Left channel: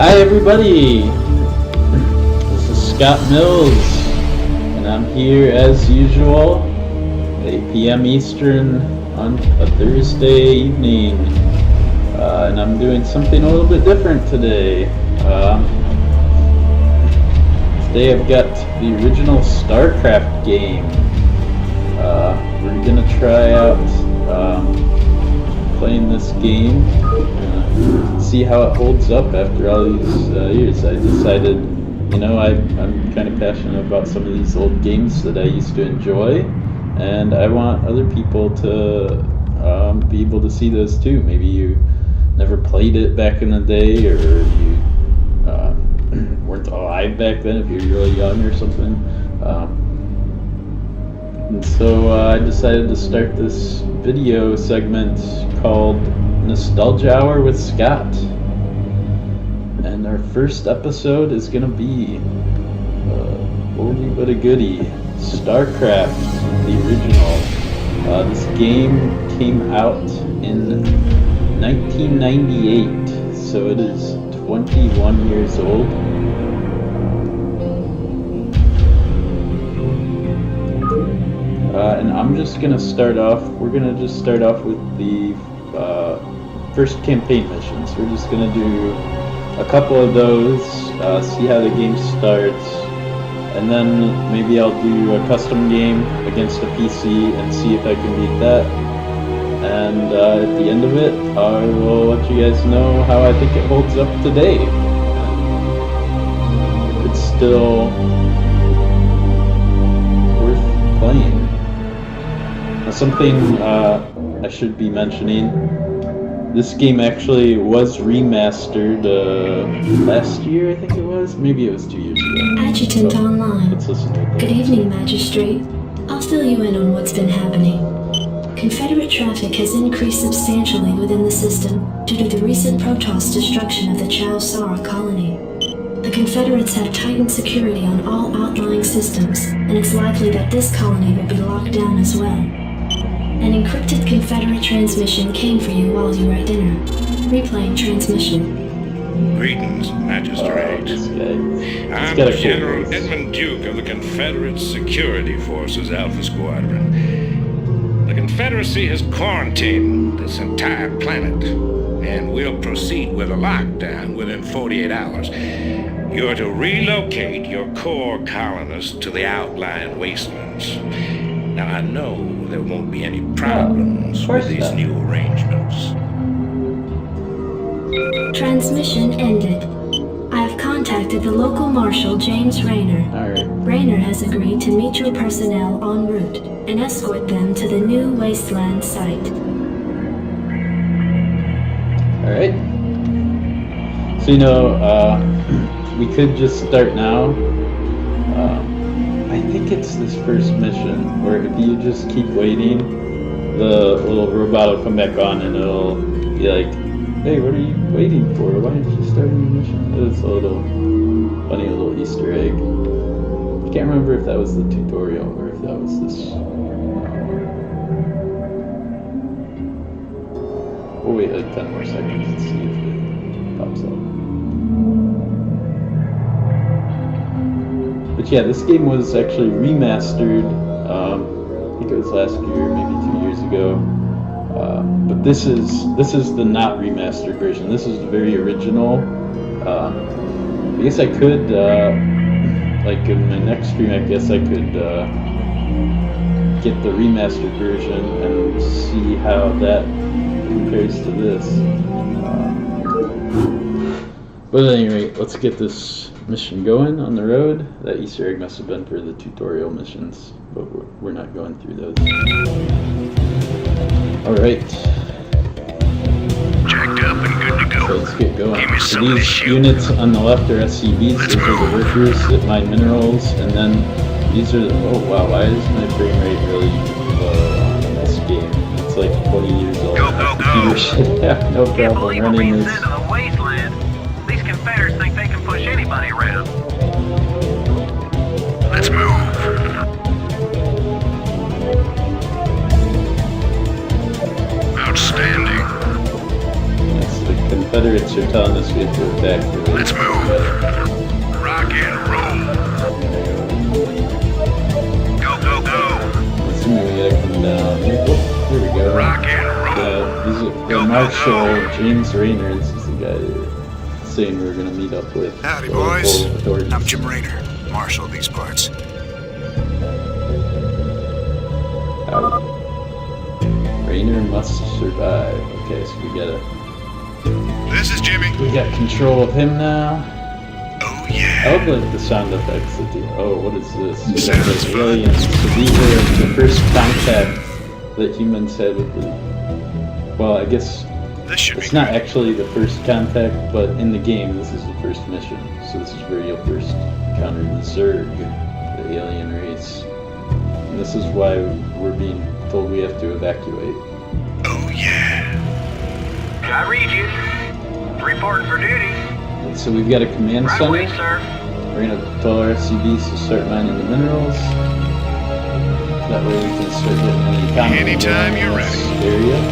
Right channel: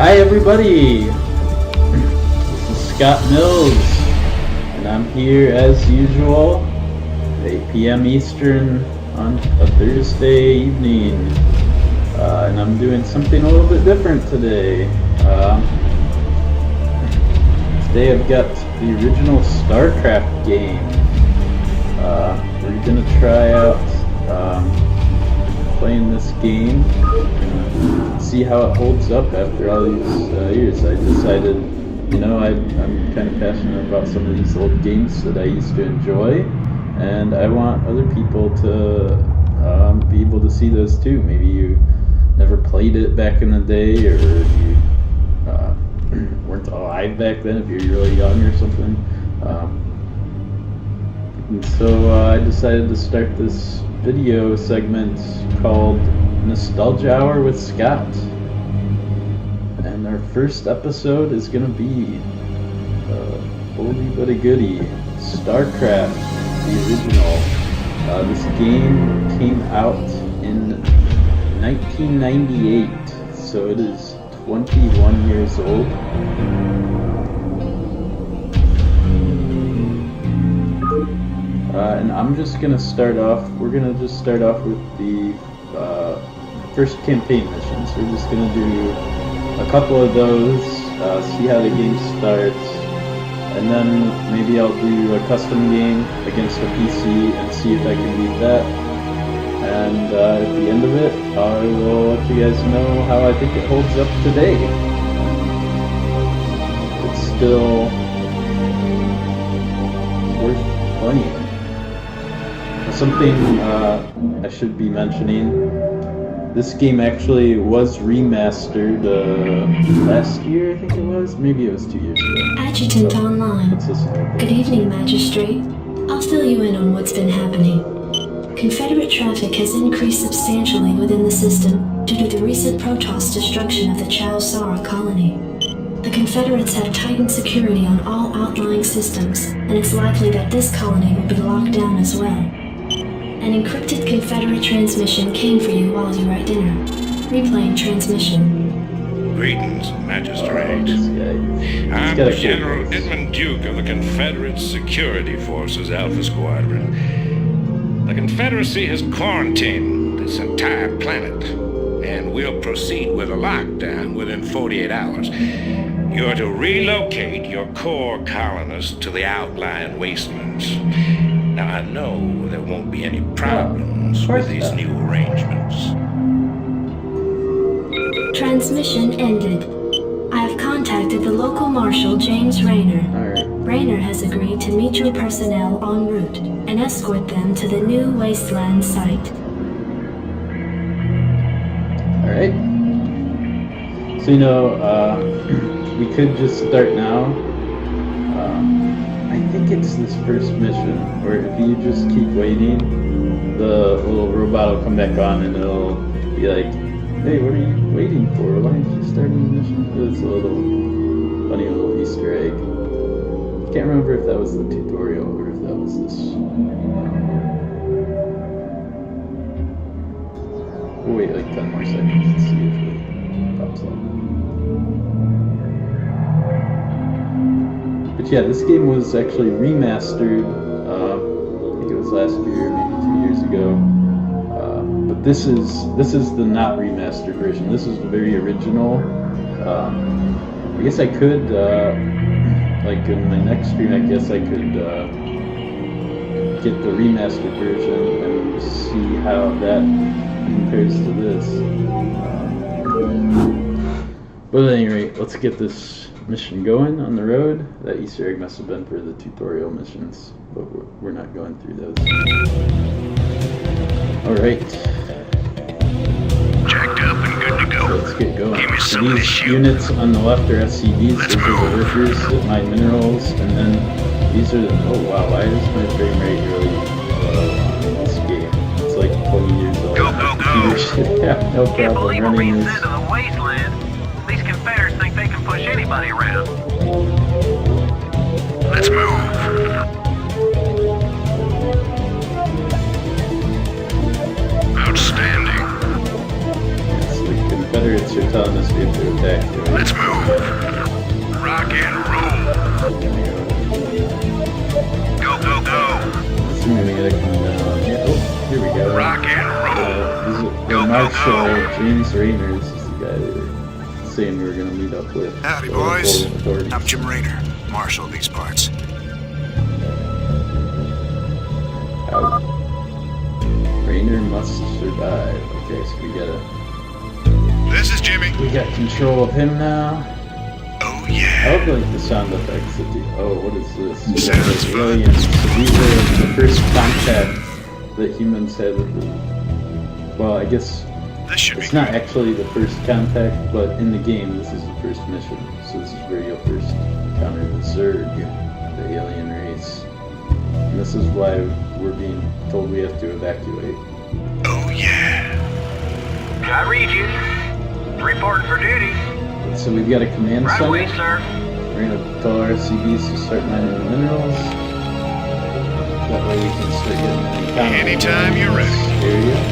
Hi everybody, this is Scott Mills, and I'm here as usual, 8 p.m. Eastern on a Thursday evening, and I'm doing something a little bit different today. Today I've got the original Starcraft game. We're gonna try out playing this game. See how it holds up after all these years. I decided, I'm kind of passionate about some of these old games that I used to enjoy, and I want other people to be able to see those too. Maybe you never played it back in the day, or you weren't alive back then if you're really young or something. And so I decided to start this video segment called Nostalgia Hour with Scott. And our first episode is going to be oldie but a goodie, Starcraft, the original. This game came out in 1998, so it is 21 years old. And I'm just going to start off, we're going to just start off with the first campaign missions. We're just going to do a couple of those, see how the game starts, and then maybe I'll do a custom game against a PC and see if I can beat that. And at the end of it, I will let you guys know how I think it holds up today. It's still worth playing. Now, something I should be mentioning, this game actually was remastered last year, I think it was. Maybe it was 2 years ago. Adjutant online. Let's listen to this. Good evening, Magistrate. I'll fill you in on what's been happening. Confederate traffic has increased substantially within the system due to the recent Protoss destruction of the Chow Sara colony. The Confederates have tightened security on all outlying systems, and it's likely that this colony will be locked down as well. An encrypted Confederate transmission came for you while you were at dinner. Replaying transmission. Greetings, Magistrate. I'm General Edmund Duke of the Confederate Security Forces Alpha Squadron. The Confederacy has quarantined this entire planet, and we'll proceed with a lockdown within 48 hours. You're to relocate your core colonists to the outlying wastelands. Now, I know there won't be any problems with these new arrangements. Transmission ended. I have contacted the local marshal, James Rayner. Alright. Rayner has agreed to meet your personnel en route and escort them to the new wasteland site. Alright. So, we could just start now. I think it's this first mission, where if you just keep waiting, the little robot will come back on and it'll be like, hey, what are you waiting for? Why aren't you starting the mission? It was a little funny little Easter egg. I can't remember if that was the tutorial or if that was this one. We'll wait like 10 more seconds to see if it pops up. But yeah, this game was actually remastered, I think it was last year, maybe 2 years ago. But this is the not remastered version. This is the very original. I guess I could, like in my next stream, I guess I could get the remastered version and see how that compares to this. But at any rate, let's get this mission going on the road. That Easter egg must have been for the tutorial missions, but we're not going through those. Alright. Jacked up and good to go. Let's get going. Give me So some of this these shit. units on the left are SCVs, those are the workers that mine minerals, and then these are the, oh wow, why is my frame rate really low on this game? It's like 20 years old. Go, My go, computer go. should have no Can't problem believe we're running being this. sent to the wasteland. These Confederates think they can push anybody around. Let's move. Outstanding. Yeah, so the Confederates are telling us we have to evacuate. Let's move. Rock and roll. Go, go, go. I'm assuming we gotta come down here. Oh, here we go. Rock and roll. The Marshal James Rayner. This is the guy saying we're gonna meet up with. Howdy, the boys. local authorities. I'm Jim Rayner, Marshal of these parts. Howdy. Rayner must survive. Okay, so This is Jimmy. we got control of him now. Oh, I yeah. love the sound effects that the. Oh, what is this? Sounds The fun. aliens. These are the first contact that humans had with the. Well, I guess This should be it's not good. actually the first contact, but in the game, this is the first mission. So this is where you'll first encounter the Zerg, the alien race. And this is why we're being told we have to evacuate. Oh, yeah. I read you. Reporting for duty. So we've got a command Right center. away, sir. We're gonna tell our SCVs to start mining the minerals. That way we can start getting an encounter Anytime you're in this area.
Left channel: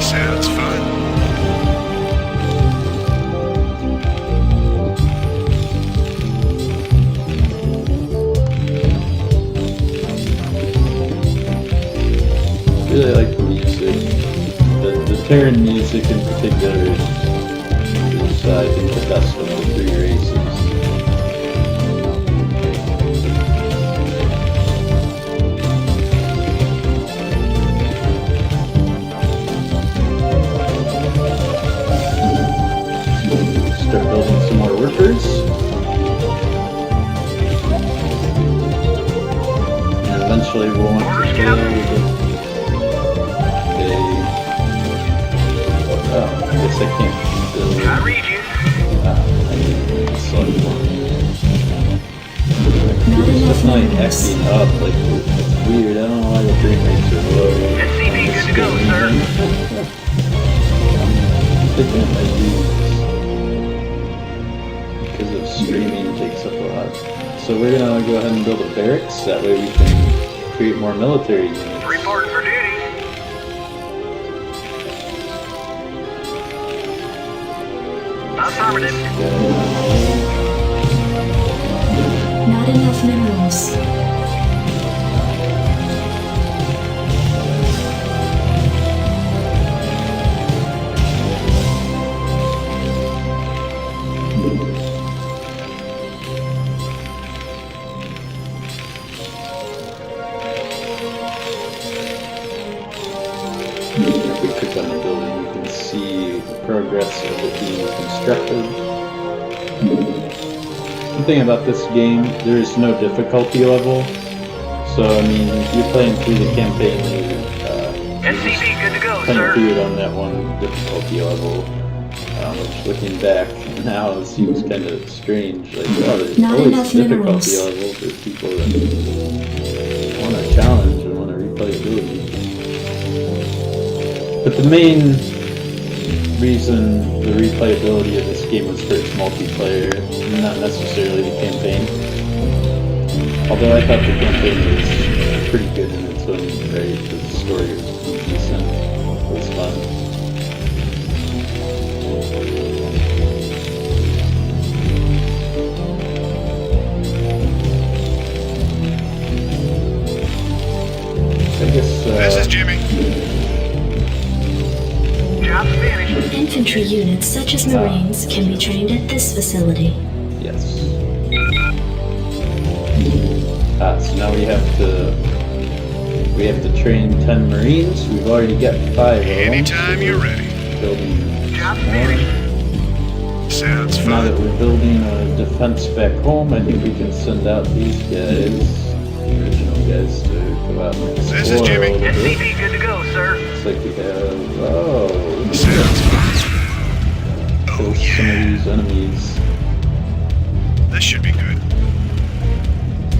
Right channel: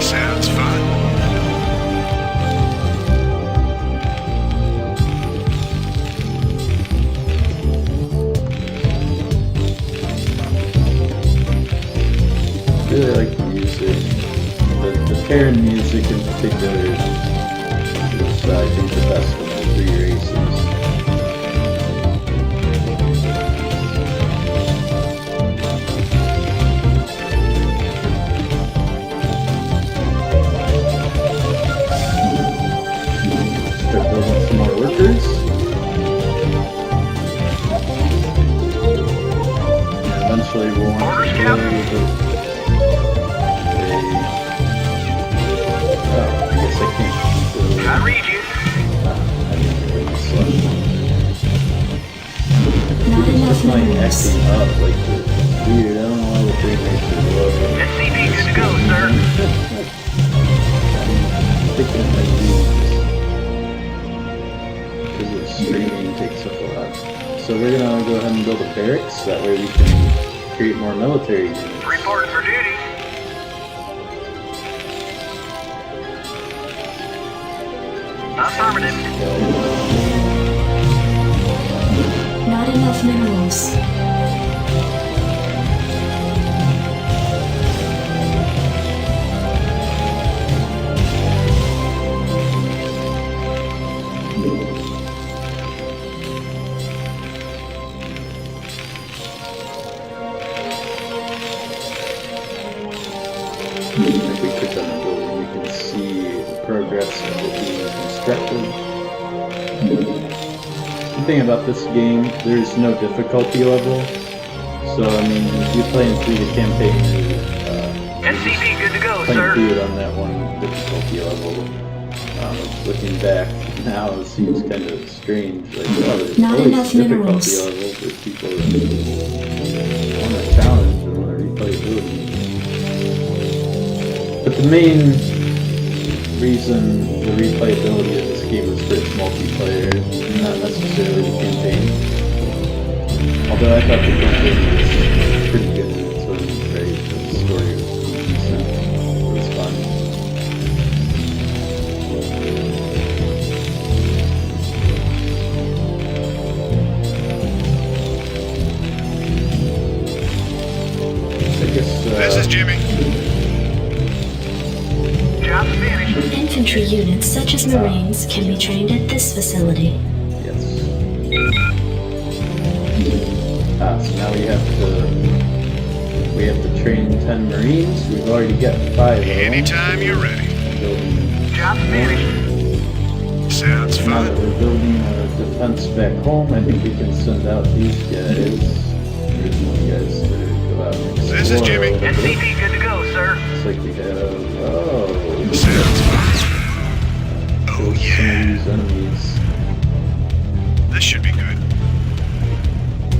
Sounds fun. Really like the music. The Terran music in particular is I think the best of the three races. Start building some more workers. And eventually we'll want Orders, to Captain. build oh, I guess I can't build. I read you. I mean, we just select one. Not It's enough just like minerals. acting up, like it's weird. I don't know why the frame rates are low. SCV on this good to go, game. sir. I'm thinking it might be because the streaming takes up a lot. So we're gonna go ahead and build a barracks. That way we can create more military units. Reporting for duty. Affirmative. Not enough minerals. If we click on the building, you can see the progress of it being constructed. The thing about this game, there is no difficulty level. So, I mean, if you're playing through the campaign, you SCV good to go, kind of sir. do it on that one difficulty level. Which, looking back now, it seems kind of strange. Like, oh, there's Not always enough difficulty minerals. level for people that want to challenge and want to replayability. But the main reason the replayability of this game was for its multiplayer, not necessarily the campaign. Although I thought the campaign was pretty good in its own right, the story was decent, it was fun. I guess, This is Jimmy. Job's finished. Infantry units such as Marines can be trained at this facility. yes. So now we have to train 10 Marines. We've already got 5 of them. Anytime so you're we're ready. Building Job's more. finished. Sounds Now that fun. we're building our defense back home, I think we can send out these guys, regional guys, to go out and explore This is Jimmy. a little bit. SCV good to go, sir. Looks like we have, whoa, Sounds fun. so Oh, some of yeah. these enemies. This should be good.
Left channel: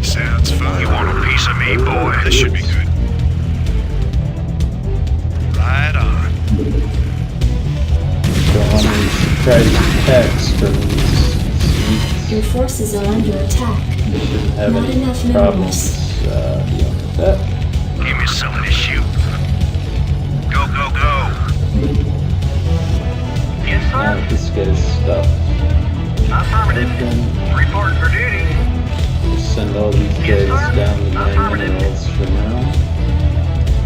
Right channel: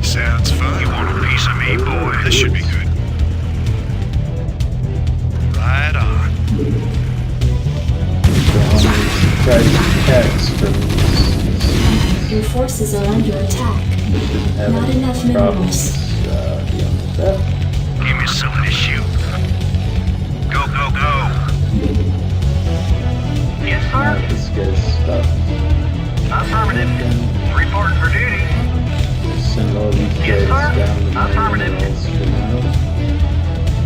Sounds fun. You want a piece of me, boy? This should be good. Right on. So on these private attacks from Your forces are under attack. having Not enough problems minerals. dealing with that. Give me something to shoot. Go, go, go. Yes, Now sir. this guy's stuff. Affirmative. Reporting for duty. Just send all these Yes, guys sir. down to mine Affirmative. minerals for now.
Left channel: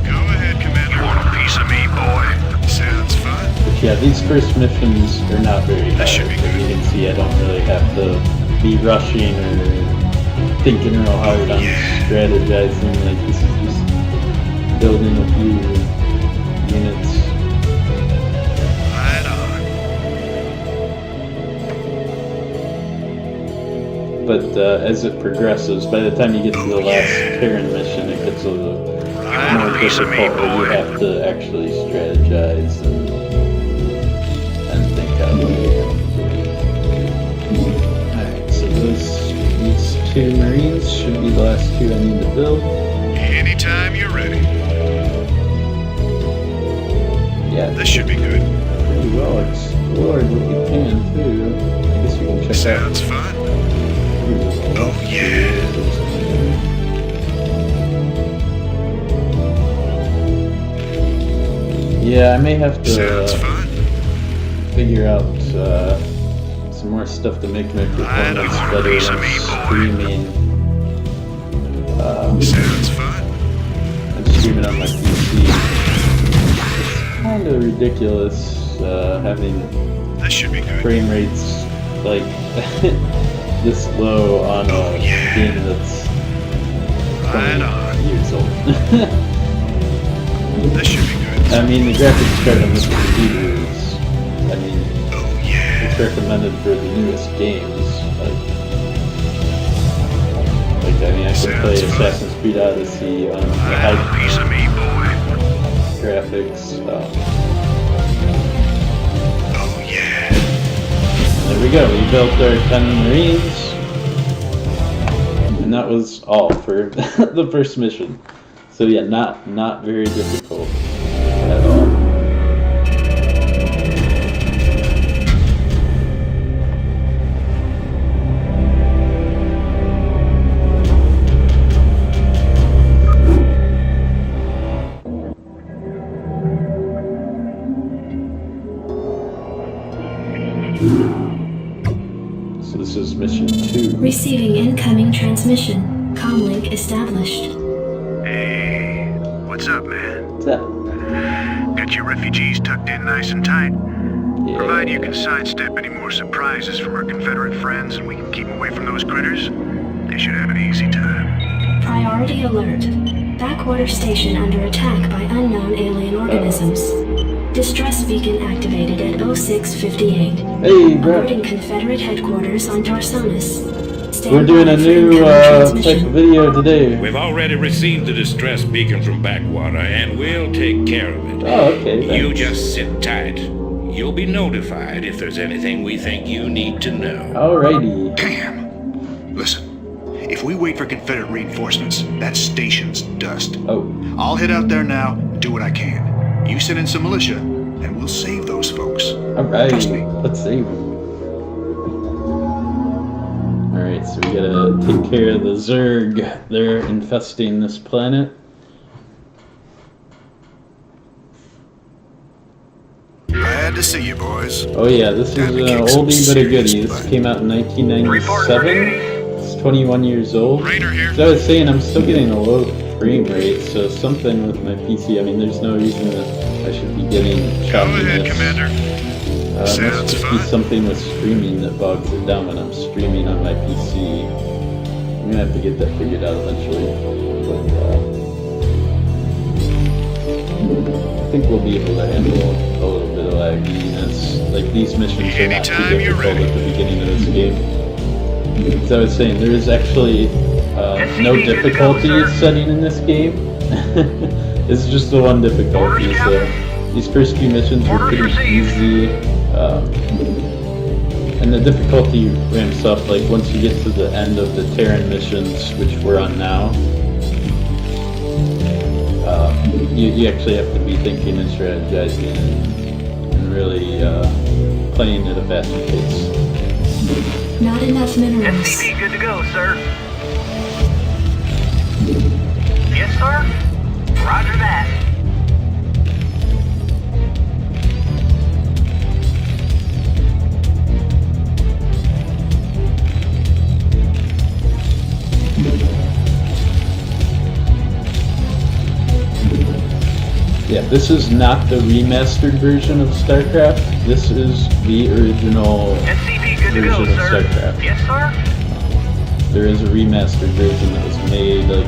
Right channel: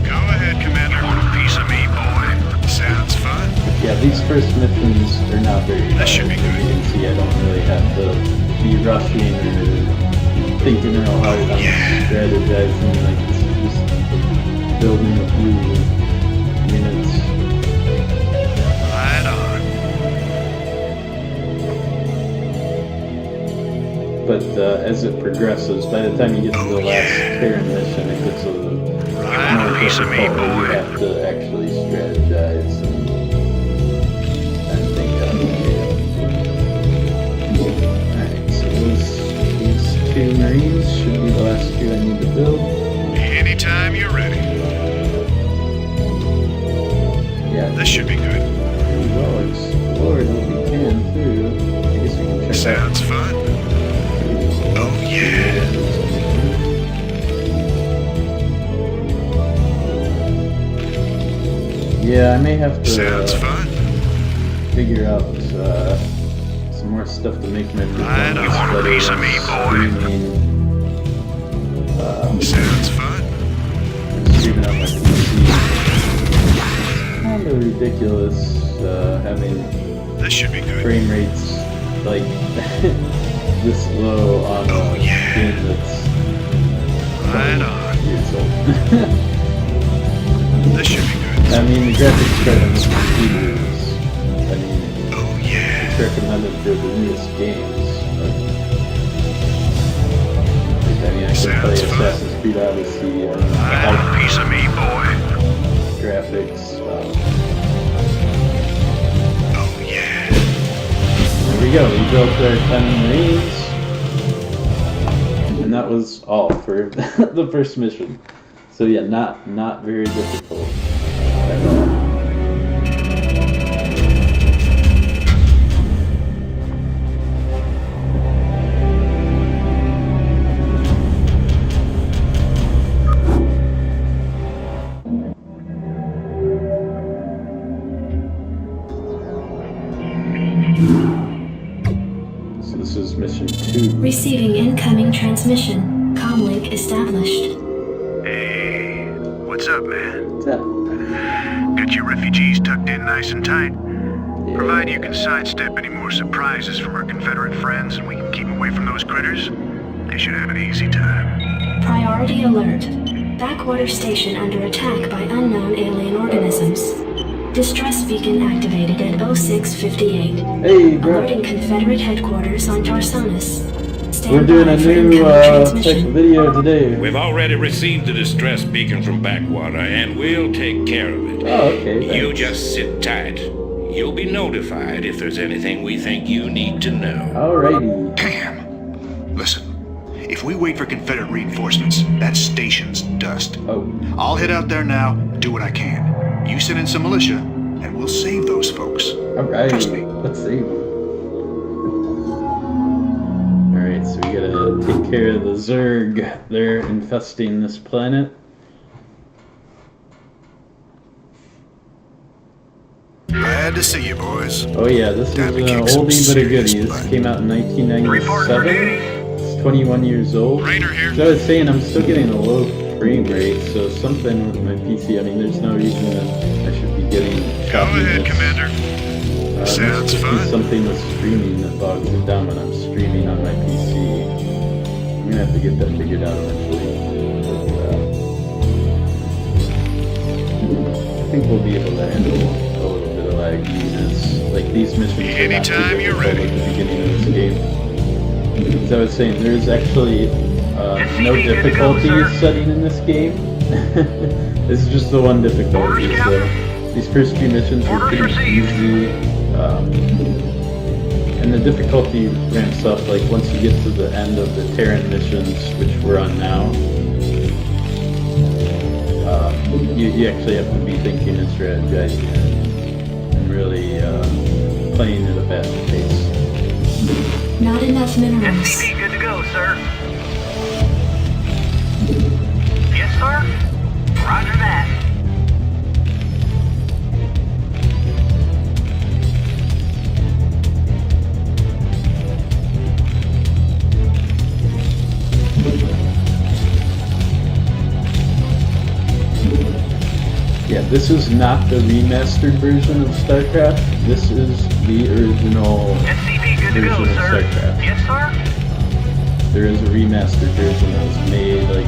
Go ahead, Commander. Want a piece of me, boy? Sounds fun. But yeah, these first missions are not very hard. That should be As you good. can see, I don't really have to be rushing or thinking real hard on strategizing. Like, this is just building a few units. Right on. But as it progresses, by the time you get to the last Terran mission, it gets a little Right more on a piece of me, difficult, where you boy. have to actually strategize and think how you're going to do. Alright, so these two Marines should be the last two I need to build. Anytime you're ready. Yeah, This should be good. pretty well explored what we can too. I guess we can check out Sounds fun. maybe the Oh, left yeah. here if there's anything. Yeah, I may have to Sounds fun. figure out some more stuff to make my performance You want a better piece of when me, boy? streaming. Sounds fun. I'm streaming on my PC. Kind of ridiculous having This should be good. frame rates like this low on a game that's Right 20 on. years old. This should be good. I mean, the graphics card on this computer is, I mean, Oh yeah. it's recommended for the newest games. Like I mean, I can play Sounds fun. Assassin's Creed Odyssey on the I want high a piece of me, boy. graphics. Oh yeah. And there we go. We built our 10 Marines, and that was all for the first mission. So yeah, not very difficult at all. So this is mission 2. Receiving incoming transmission. Comlink established. Hey, what's up, man? What's up? Got your refugees tucked in nice and tight? Yeah. Provided you can sidestep any more surprises from our Confederate friends and we can keep them away from those critters, they should have an easy time. Priority alert. Backwater station under attack by unknown alien organisms. Distress beacon activated at 0658. Hey, bro. Alerting Confederate headquarters on Tarsonis. We're Stand doing by a for new incoming type of transmission. video today. We've already received the distress beacon from Backwater, and we'll take care of it. Oh, okay. You thanks. just sit tight. You'll be notified if there's anything we think you need to know. Alrighty. Damn. Listen, if we wait for Confederate reinforcements, that station's dust. Oh, I'll head out there now and do what I can. You send in some militia, and we'll save those folks. alright. Trust me. Let's save them. Alright, so we gotta take care of the Zerg. They're infesting this planet. Glad to see you, boys. Oh yeah, this is Time an to kick some oldie but a goodie. serious This butt. came out in Report for 1997. duty. It's 21 years old. Rainer here. As I was saying, I'm still getting a low frame rate, so something with my PC. I mean, there's no reason that I should be getting Go choppiness. ahead, Commander. It must Sounds just fun. be something with streaming that bogs it down when I'm streaming on my PC. I'm gonna have to get that figured out eventually. But I think we'll be able to handle a little bit of lagginess. Like, these missions are not too Anytime you're difficult ready. at the beginning of this game. As I was saying, there is actually no SCP, good to go, difficulty sir. setting in this game. It's just the one difficulty. Orders, So Captain. these first few missions are Orders pretty received. easy. And the difficulty ramps up like once you get to the end of the Terran missions, which we're on now. You actually have to be thinking and strategizing and really playing at a faster pace. Not enough minerals. SCP good to go, sir. Yes, sir. Roger that. Yeah, this is not the remastered version of Starcraft. This is the original SCV good to version go, of sir. Starcraft. Yes, sir. There is a remastered version that was made like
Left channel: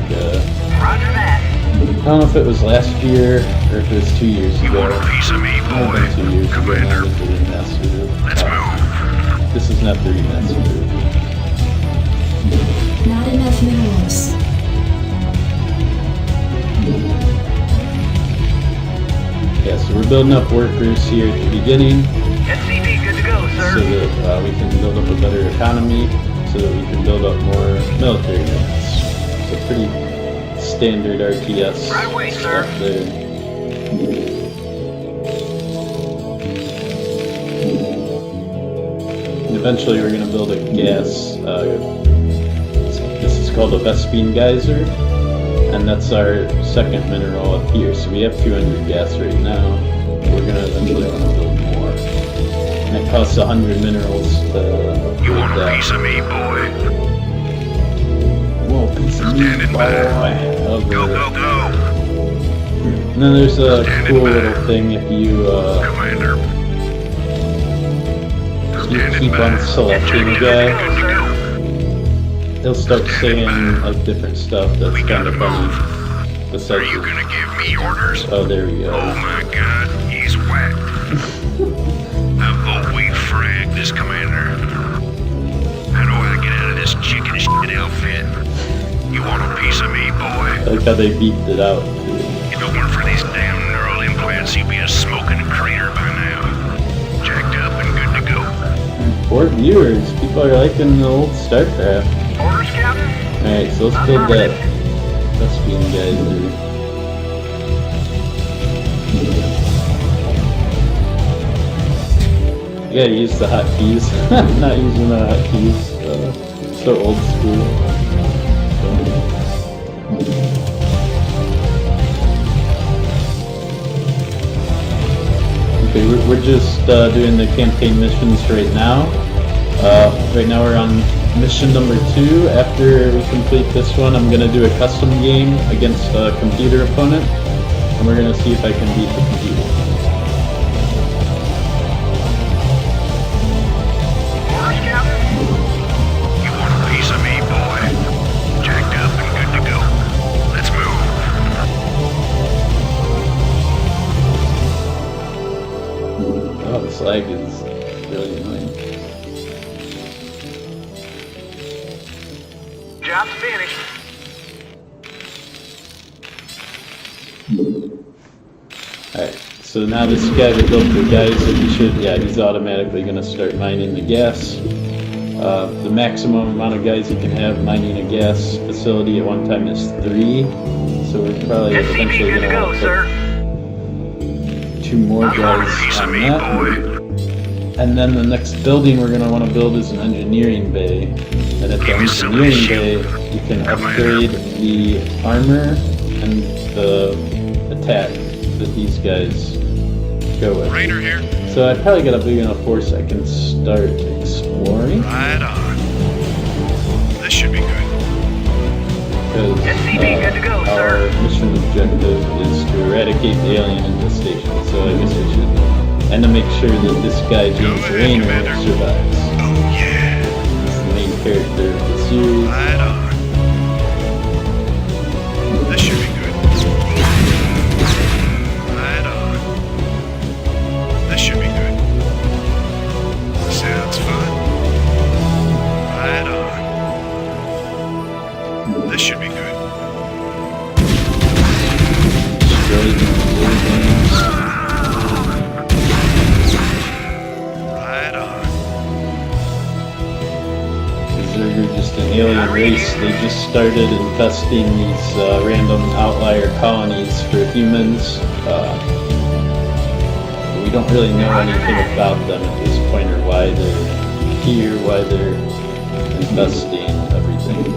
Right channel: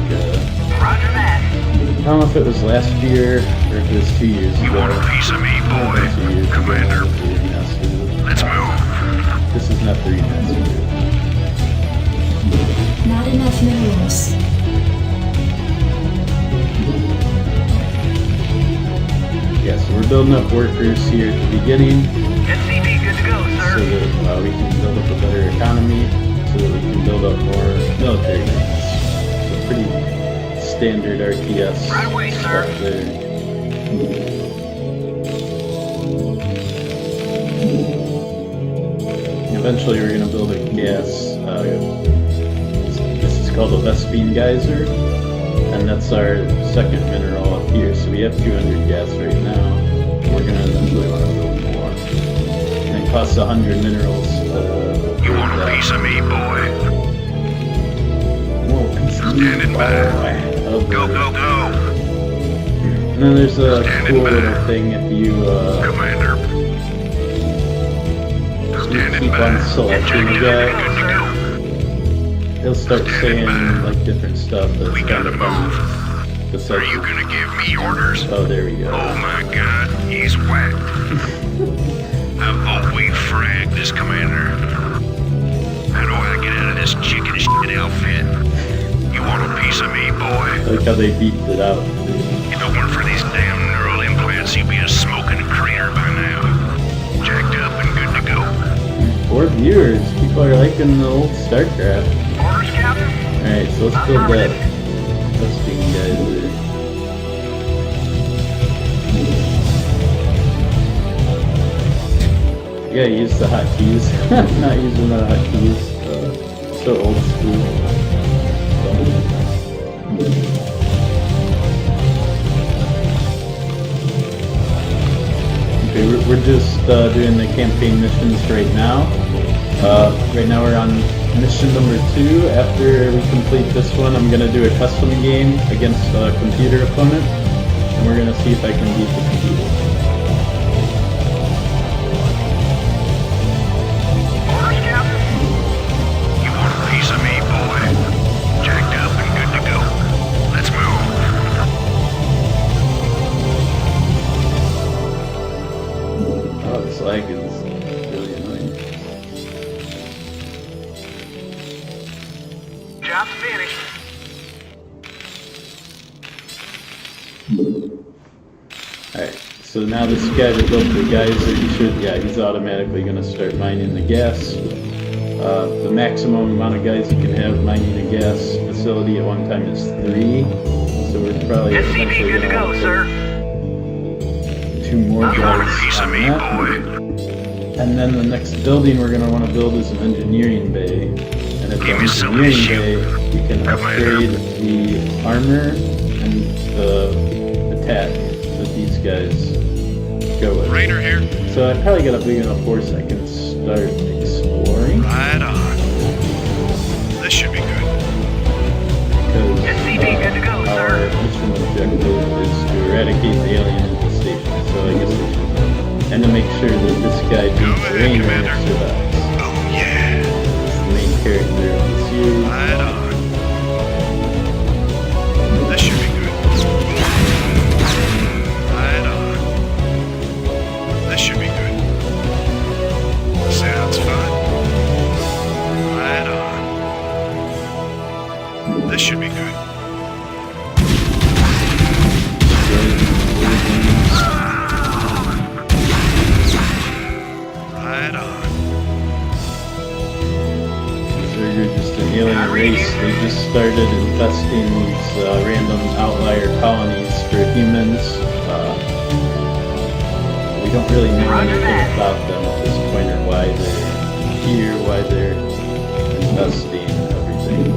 Roger that. I don't know if it was last year or if it was 2 years You ago. want a piece of me, It might have been 2 years boy? ago now Commander, that they remastered it. let's move. This is not the remastered version. Not enough minerals. Yeah, so we're building up workers here at the beginning SCV good to go, so sir. that we can build up a better economy, so that we can build up more military units. So pretty standard RTS Right away, sir. stuff there. And eventually we're going to build a gas, this is called a Vespine geyser, and that's our second mineral up here. So we have 200 gas right now, but we're going to eventually want to build more. And it costs 100 minerals to upgrade You want a that. piece of me, boy? Whoa, piece of meat, Standing boy. by. Over. Go, go, go. And then there's a cool little thing if you Commander. keep on selecting a guy, Go, sir. he'll start saying like different stuff that's We kind gotta of funny. move. Besides Are you gonna give me orders? oh, there we Oh go. my god, he's whacked. I vote we frag this, Commander. How do I get out of this chicken shit outfit? You want a piece of me, boy? I like how they beefed it out too. If it weren't for these damn neural implants, you'd be a smoking crater by now. Jacked up and good to go. 4 viewers, people are liking the old Starcraft. Orders, Captain? Alright, so let's build that Vespine geyser. You gotta use the hotkeys. Not using the hotkeys. So old school. Okay, we're just doing the campaign missions right now. Right now we're on mission number 2. After we complete this one, I'm gonna do a custom game against a computer opponent, and we're gonna see if I can beat the computer. Orders, Captain? You want a piece of me, boy? Jacked up and good to go. Let's move. Oh, this lag is really annoying. Job's finished. Alright, so now this guy that built the geyser, he's automatically gonna start mining the gas. The maximum amount of guys you can have mining a gas facility at one time is 3. So we're probably SCV eventually good to gonna go, want to sir. put 2 more You want a piece guys of on me, that. boy? And then the next building we're going to want to build is an engineering bay. And at the Give me some engineering issue. bay, you can upgrade the armor and the attack that these guys go with. Raider here. So I probably got a big enough force I can start exploring. Right on. This should be good. Because SCV good to go, our sir. mission objective is to eradicate the alien infestation. So I guess we should... And to make sure that this guy, James ahead, Rainer, Commander. survives. Oh yeah. The main character of the series. Right on. This should be good. Right on. This should be good. Sounds fun. Right on. This should be good. Right on. We're just an alien race. They just started infesting these random outlier colonies for humans. But we don't really know anything about them at this point, or why they're here, why they're infesting everything.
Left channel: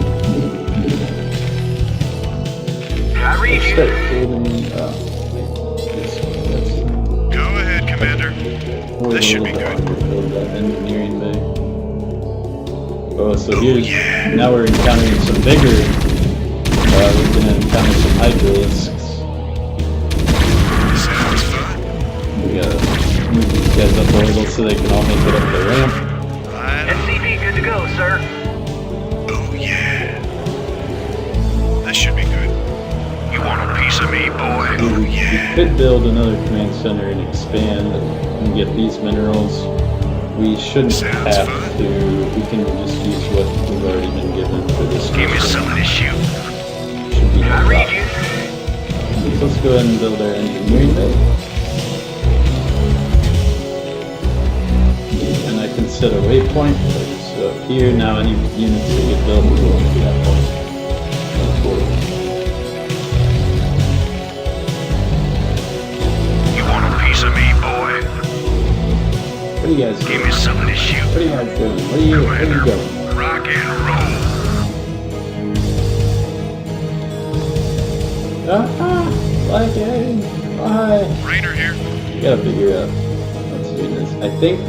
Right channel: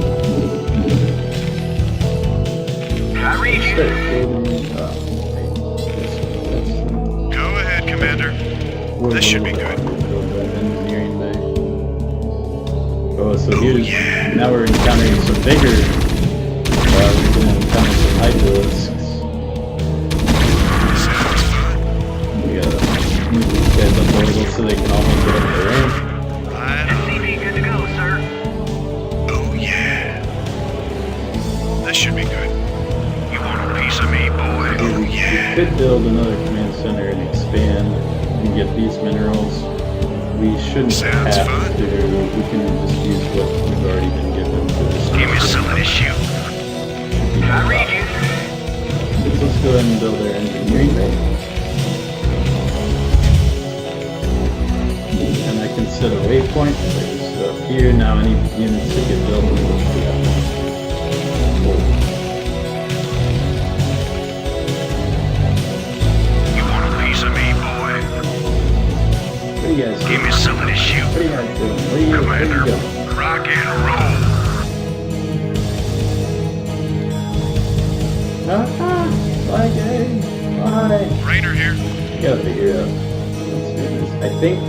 I read Let's you. start building. Go ahead, Commander. This should be good. Build that engineering bay. Oh, so here's now we're encountering some bigger. We're gonna encounter some hydras. Sounds fun. We gotta move these guys up a little so they can all make it up the ramp. Right on. SCV good to go, sir. Oh yeah. This should be good. You want a piece of me, boy? Oh We yeah. could build another command center and expand and get these minerals. We shouldn't Sounds have fun. to. We can just use what we've already been given for this Give me some of this shoot. Should be no I read problem. you. Let's go ahead and build our engineering base. And I can set a waypoint. If I just go up here, now any units that get built will go to that point. That's forward. You want a piece of me, boy? What are you guys Give doing? me some of this shoot. What are you guys doing? Where are you going? Rock and roll. Why, game? Why? Rainer here. You gotta figure out what's doing this. I think,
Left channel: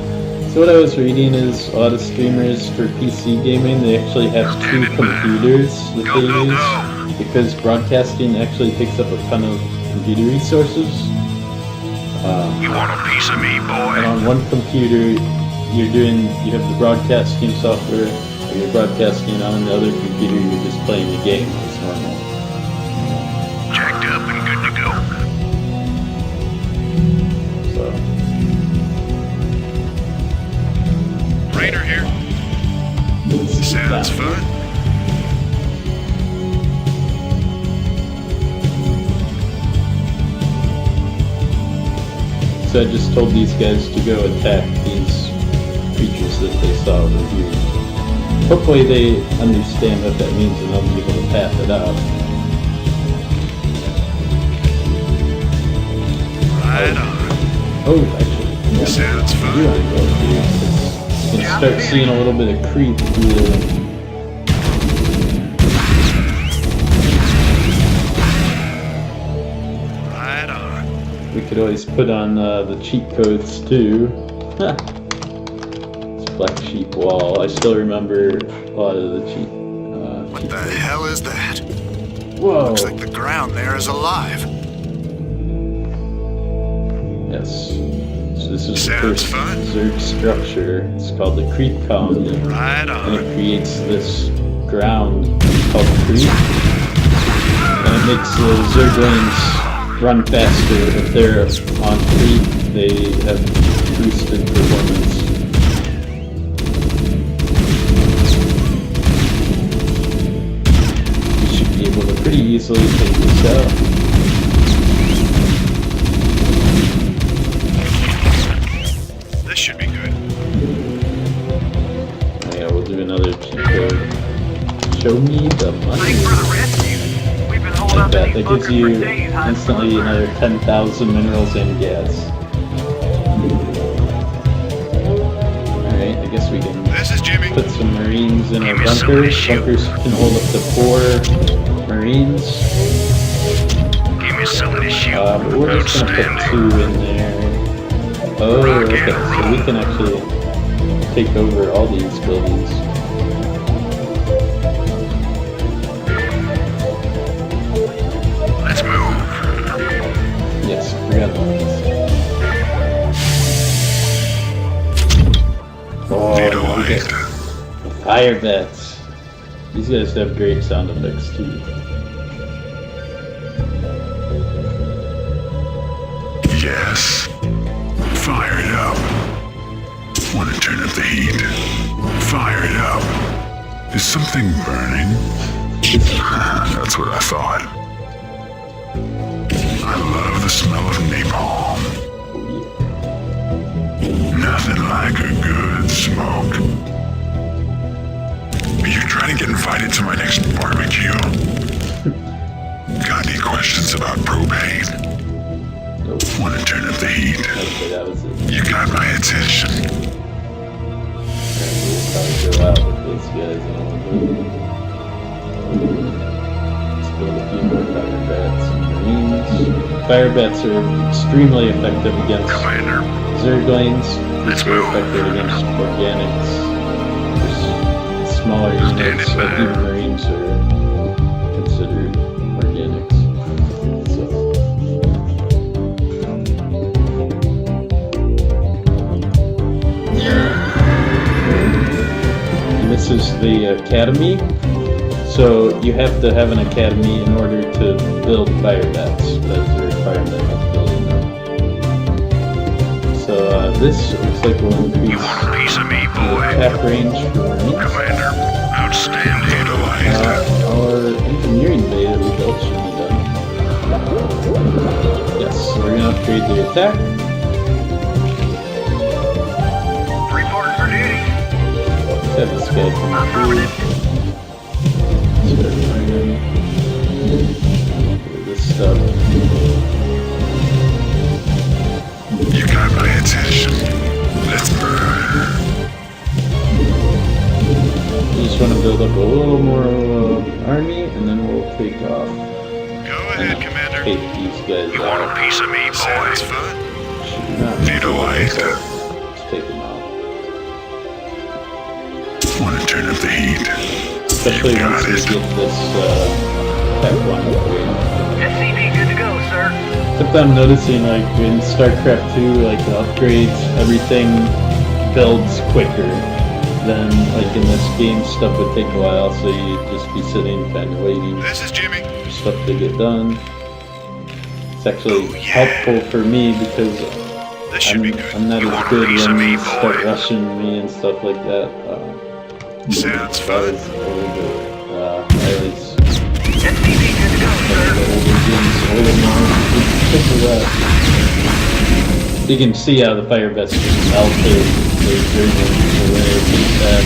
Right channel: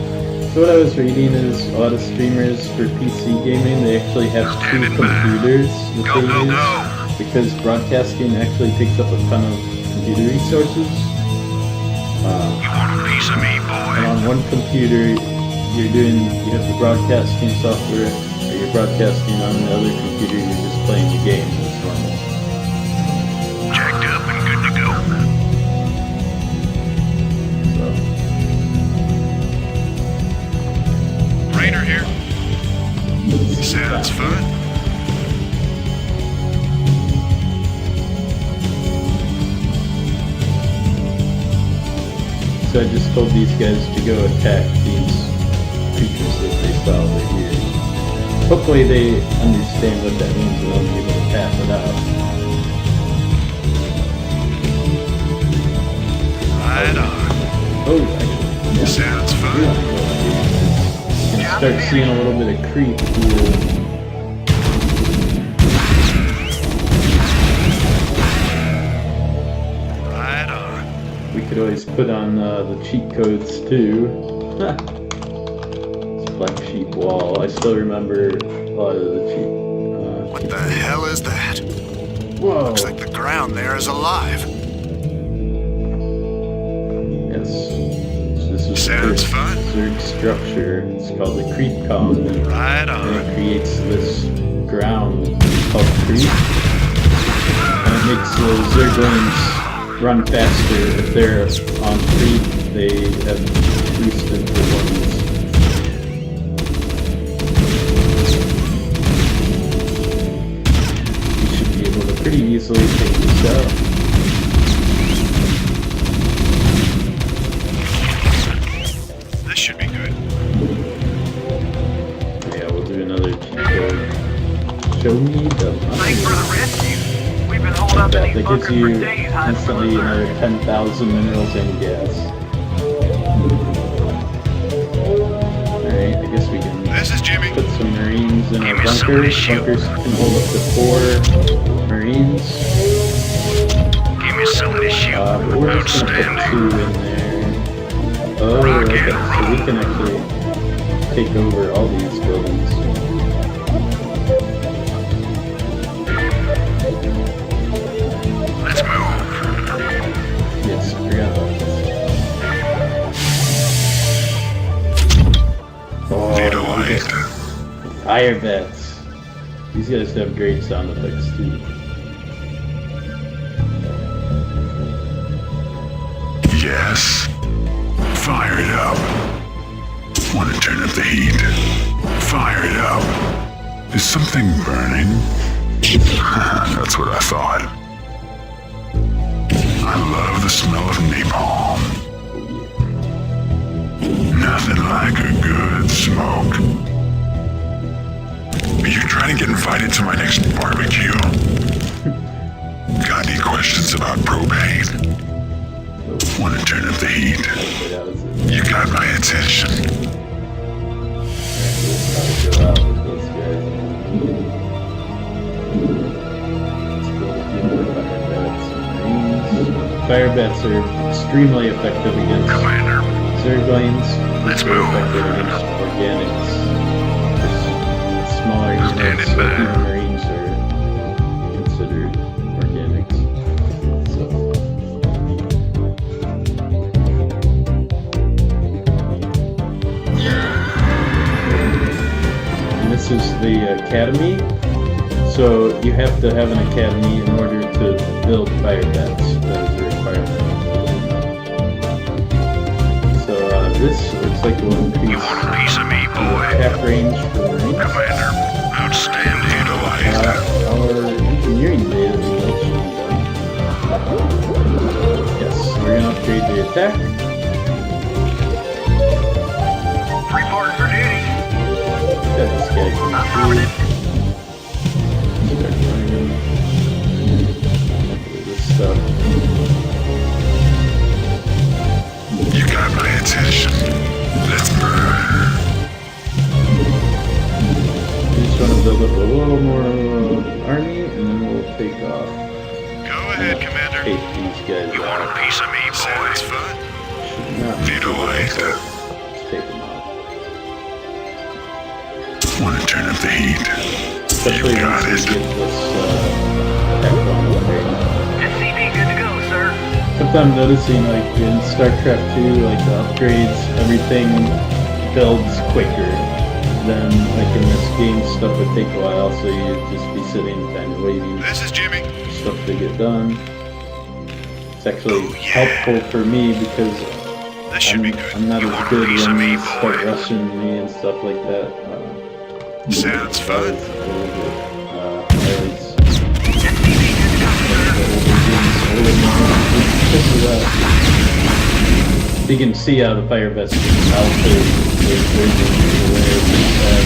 so what I was reading is a lot of streamers for PC gaming, they actually have two Standing by. computers that Go, they go, use. go. Because broadcasting actually takes up a ton of computer resources. You want a piece of me, And boy? on one computer, you have the broadcasting software, or you're broadcasting on the other computer, you're just playing the game as normal. Jacked up and good to go. So, Rainer here. Sounds fun. so I just told these guys to go attack these creatures that they saw over here. Hopefully they understand what that means and they'll be able to pass it out. Right on. Oh, actually, yeah. Sounds You're fun. on go, dude. You can start seeing a little bit of creep here. Right on. We could always put on the cheat codes too. It's Black Sheep Wall. I still remember a lot of the cheat. What the hell is that? Whoa! Looks like the ground there is alive. Yes. So this is Sounds the fun. third structure. It's called the creep colony, Right and on. it creates this ground called creep, and it makes the zerglings run faster. If they're on creep, they have boosted performance. We should be able to pretty easily take this out. This should be good. Oh yeah, we'll do another cheat code. Show me the money. Thanks for the rescue. We've been holed Like up that. in these That gives bunkers for you days hiding from instantly the another surge. 10,000 minerals and gas. Alright, I guess we can This is Jimmy. put some marines in our Give me some of bunkers. this shit. Bunkers can hold up to 4 marines. Give me some of this shoot. But we're just gonna put Outstanding. 2 in there. Oh, Rock okay. and So we roll. can actually take over all these buildings. Let's move. Yes, I forgot about this. Oh, Little we light. got fire bats. These guys have great sound effects too. Yes. Fire it up. Want to turn up the heat. Fire it up. Is something burning? That's what I thought. I love the smell of napalm. Nothing like a good smoke. Are you trying to get invited to my next barbecue? Got any questions about propane? Nope. Want to turn up the heat? Okay, that was it. You got my attention. And we'll probably go out with these guys in a little bit. Let's build a few more fire bats and marines. Fire bats are extremely effective against zerglings. Let's Very move. effective against organics. smaller units, like even Marines are considered organics. So. And this is the academy. So you have to have an academy in order to build fire bats. That is a requirement of building them. So this looks like will increase You want a piece of me, the boy? attack range for Marines. Commander, outstanding. Our engineering bay that we built should be done. Yes, so we're gonna upgrade the attack. Reporting for duty. Got this guy coming Affirmative. through. Start running. This stuff. You got my attention. Let's burn. We just want to build up a little more army, and then we'll take off. Go And ahead, Commander. take these guys You want a out. piece of me, boy? Sounds fun. Not Vito White. so let's take them out. Want to turn up the heat? Especially got once we it. get this attack one upgrade. SCP good to go, sir. Except I'm noticing, like, in Starcraft 2, like, the upgrades, everything builds quicker. Then, like, in this game, stuff would take a while, so you'd just be sitting kind of waiting This is Jimmy. for stuff to get done. It's actually Oh, yeah. helpful for me because This should be good. I'm not You as want a good piece of when me, you start boy? rushing me and stuff like that. Sounds fun. I always SCP good to go, sir. You can see how the fire vest is altered. There's movement away from that.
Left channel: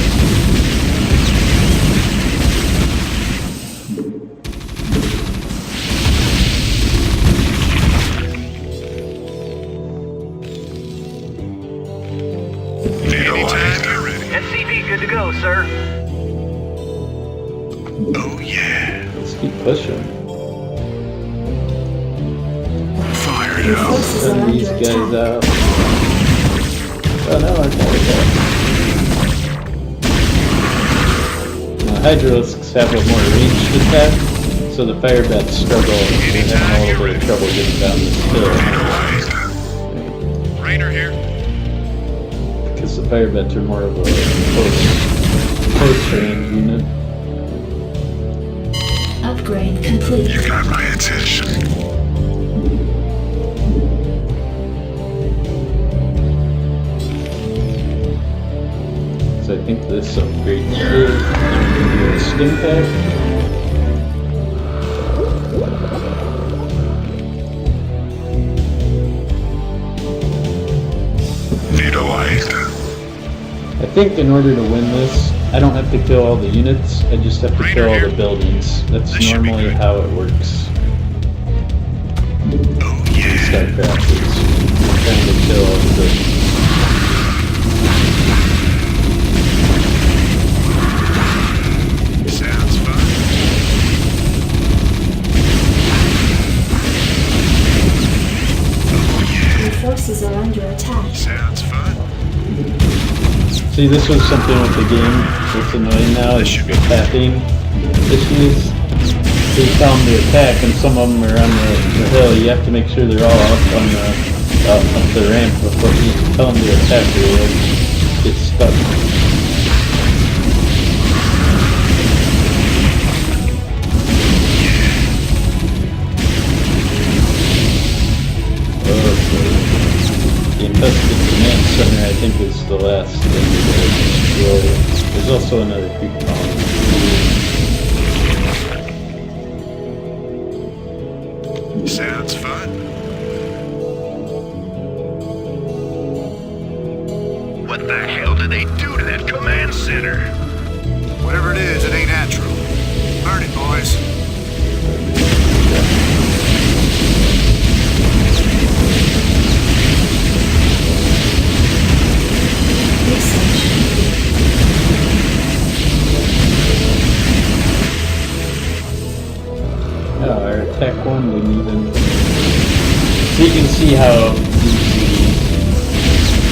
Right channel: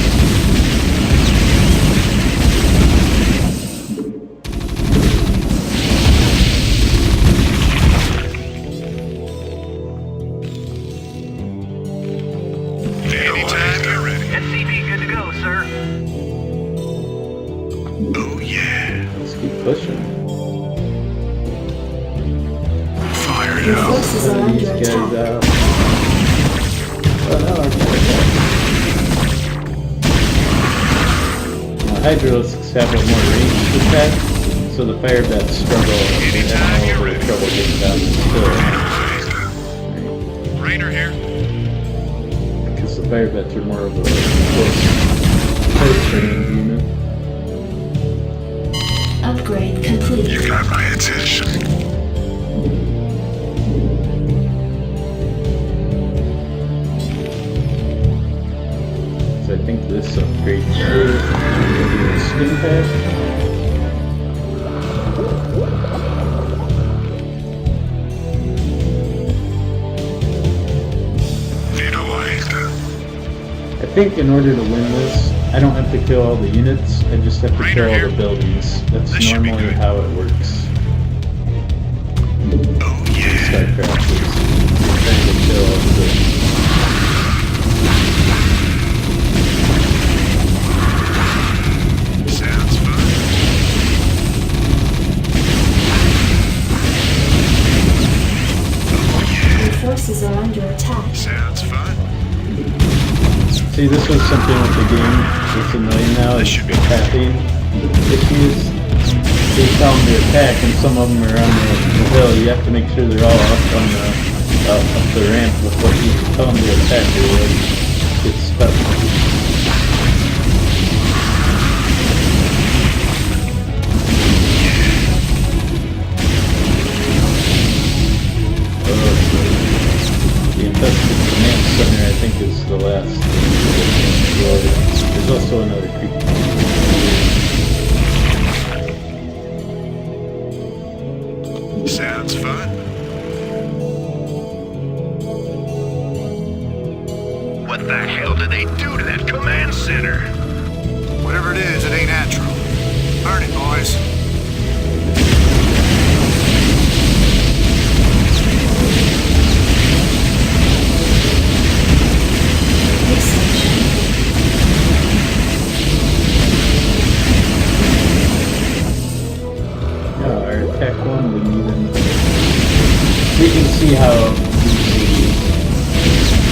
Anytime you're ready. SCP good to go, sir. Oh yeah. Let's keep pushing. Fire it Your up. forces are Send these under guys attack. out. Oh no, I got it. Hydralisks have a more ranged attack, so the fire bats struggle. They have a little bit of trouble getting down the hill. Rainer here. Because the fire bats are more of a close range unit. Upgrade complete. You got my attention. So I think this upgrade here is a stim pack. Vito White. I think in order to win this, I don't have to kill all the units, I just have to Rainer kill all here. the buildings. That's This should be normally good. how it works. Oh yeah. Starcraft is trying to kill all the buildings. Sounds fun. Oh Your forces are under attack. yeah. Sounds fun. See, this was something with the game that's annoying now, This is should be attacking issues. They tell them to attack, and some of them are on the hill. You have to make sure they're all up on up the ramp before you tell them to attack, or they'll get stuck. The infested command center, I think, is the last thing. There's also another creek colony. Sounds fun. What the hell did they do to that command center? Whatever it is, it ain't natural. Burn it, boys. Research complete. Our attack one didn't even. We can see how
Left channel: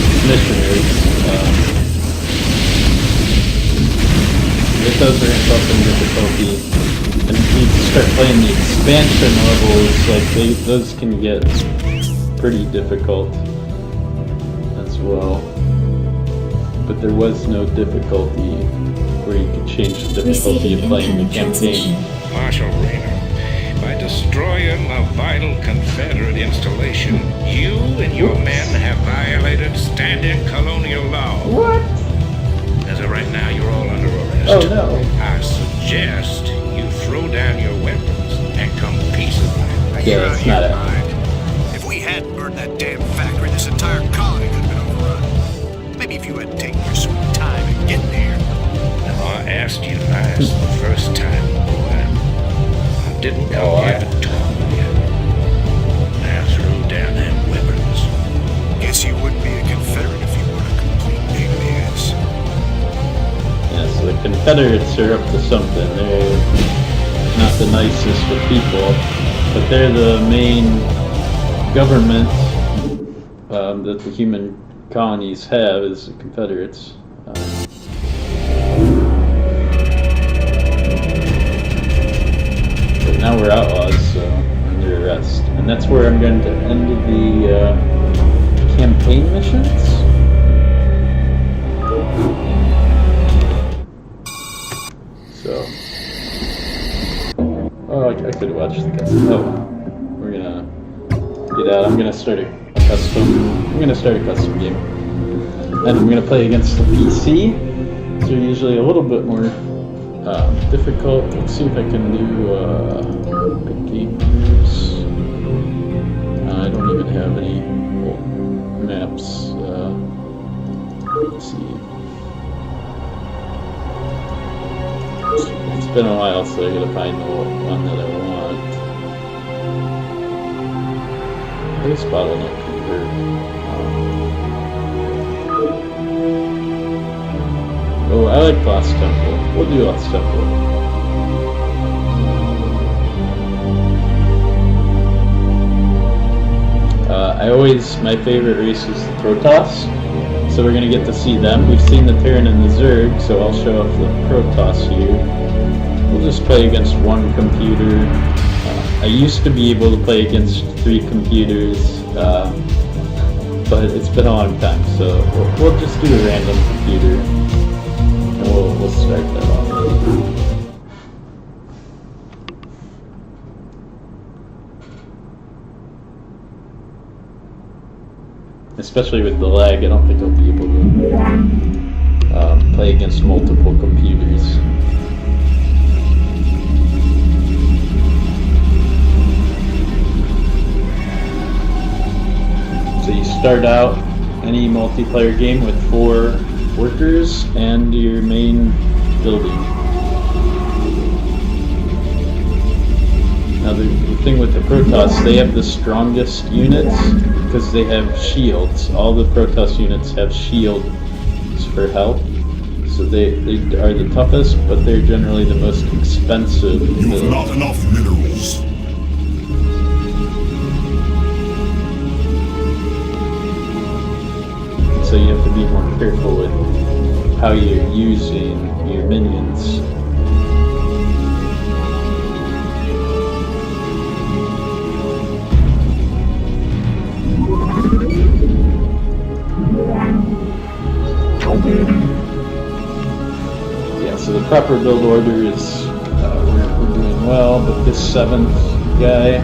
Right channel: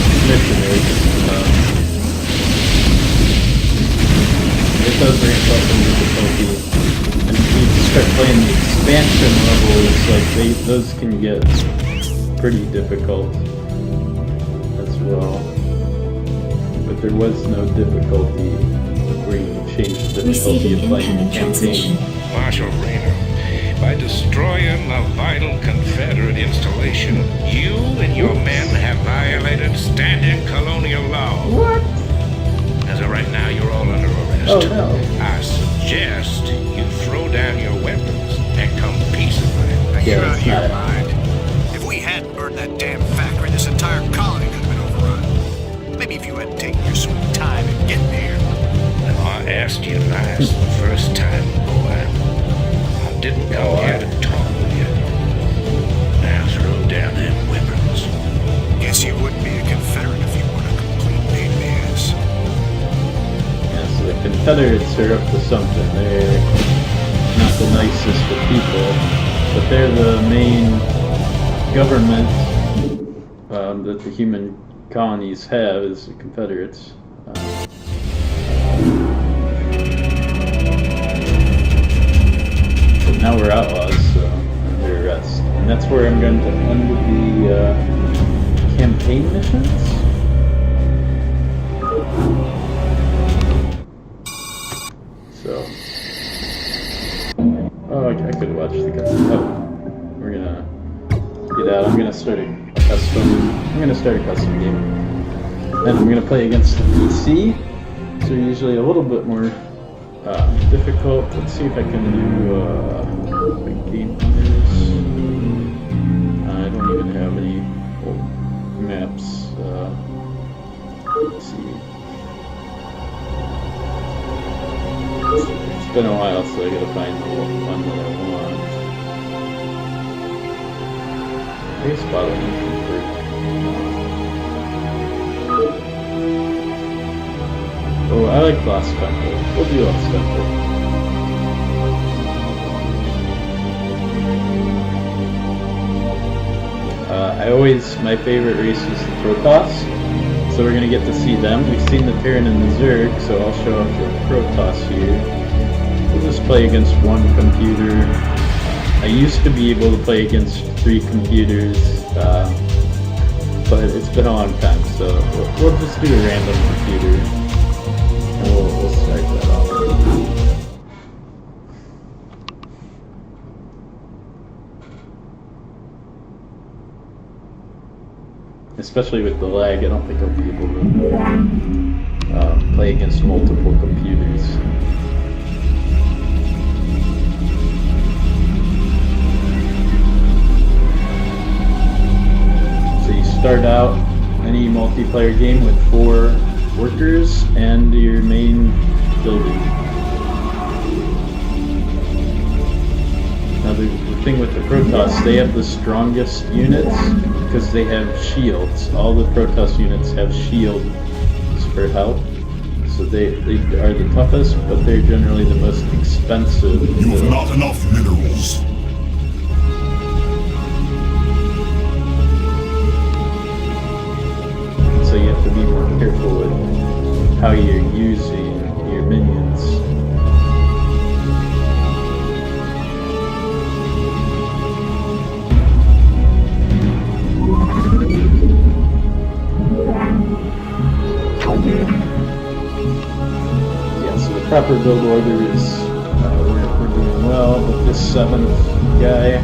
the mission is. those are some difficulty. And if you start playing the expansion levels, like those can get pretty difficult as well. But there was no difficulty where you could change the difficulty of playing the campaign. Marshal Rayner, by destroying a vital Confederate installation, you and your men have violated standing colonial law. What? As of right now, you're all under arrest. Oh no. I suggest you throw down your weapons and come peaceably. Now Yeah, you're out it's of your not mind. If we hadn't burned that damn factory, this entire colony could have been overrun. Maybe if you hadn't taken your sweet time in getting here. Now, I asked you nice the first time, boy. I didn't come here to talk with you. Now throw down them weapons. Guess you wouldn't be a Confederate if you weren't a complete pain in the ass. Yeah, so the Confederates are up to something. They're not the nicest of people, but they're the main government that the human colonies have is the Confederates. But now we're outlaws, so I'm under arrest. And that's where I'm going to end the campaign missions. So, oh, I could watch the custom. Oh, we're gonna get out. I'm gonna start a custom game, and I'm gonna play against the PC. So usually a little bit more difficult. Let's see if I can do big gamers. I don't even have any maps. Let's see. It's been a while, so I gotta find the one that I want. I guess bottleneck convert. Oh, I like Lost Temple. We'll do Lost Temple. My favorite race is the Protoss. So we're gonna get to see them. We've seen the Terran and the Zerg, so I'll show up the Protoss here. We'll just play against one computer. I used to be able to play against 3 computers, but it's been a long time, so we'll just do a random computer, and we'll start that off. Especially with the lag, I don't think I'll be able to play against multiple computers. So you start out any multiplayer game with 4 workers and your main building. Now the thing with the Protoss, they have the strongest units because they have shields. All the Protoss units have shields for health. So they are the toughest, but they're generally the most expensive. You have not enough minerals. So you have to be more careful with how you're using your minions. Yeah, so the proper build order is we're doing well, but this 7th guy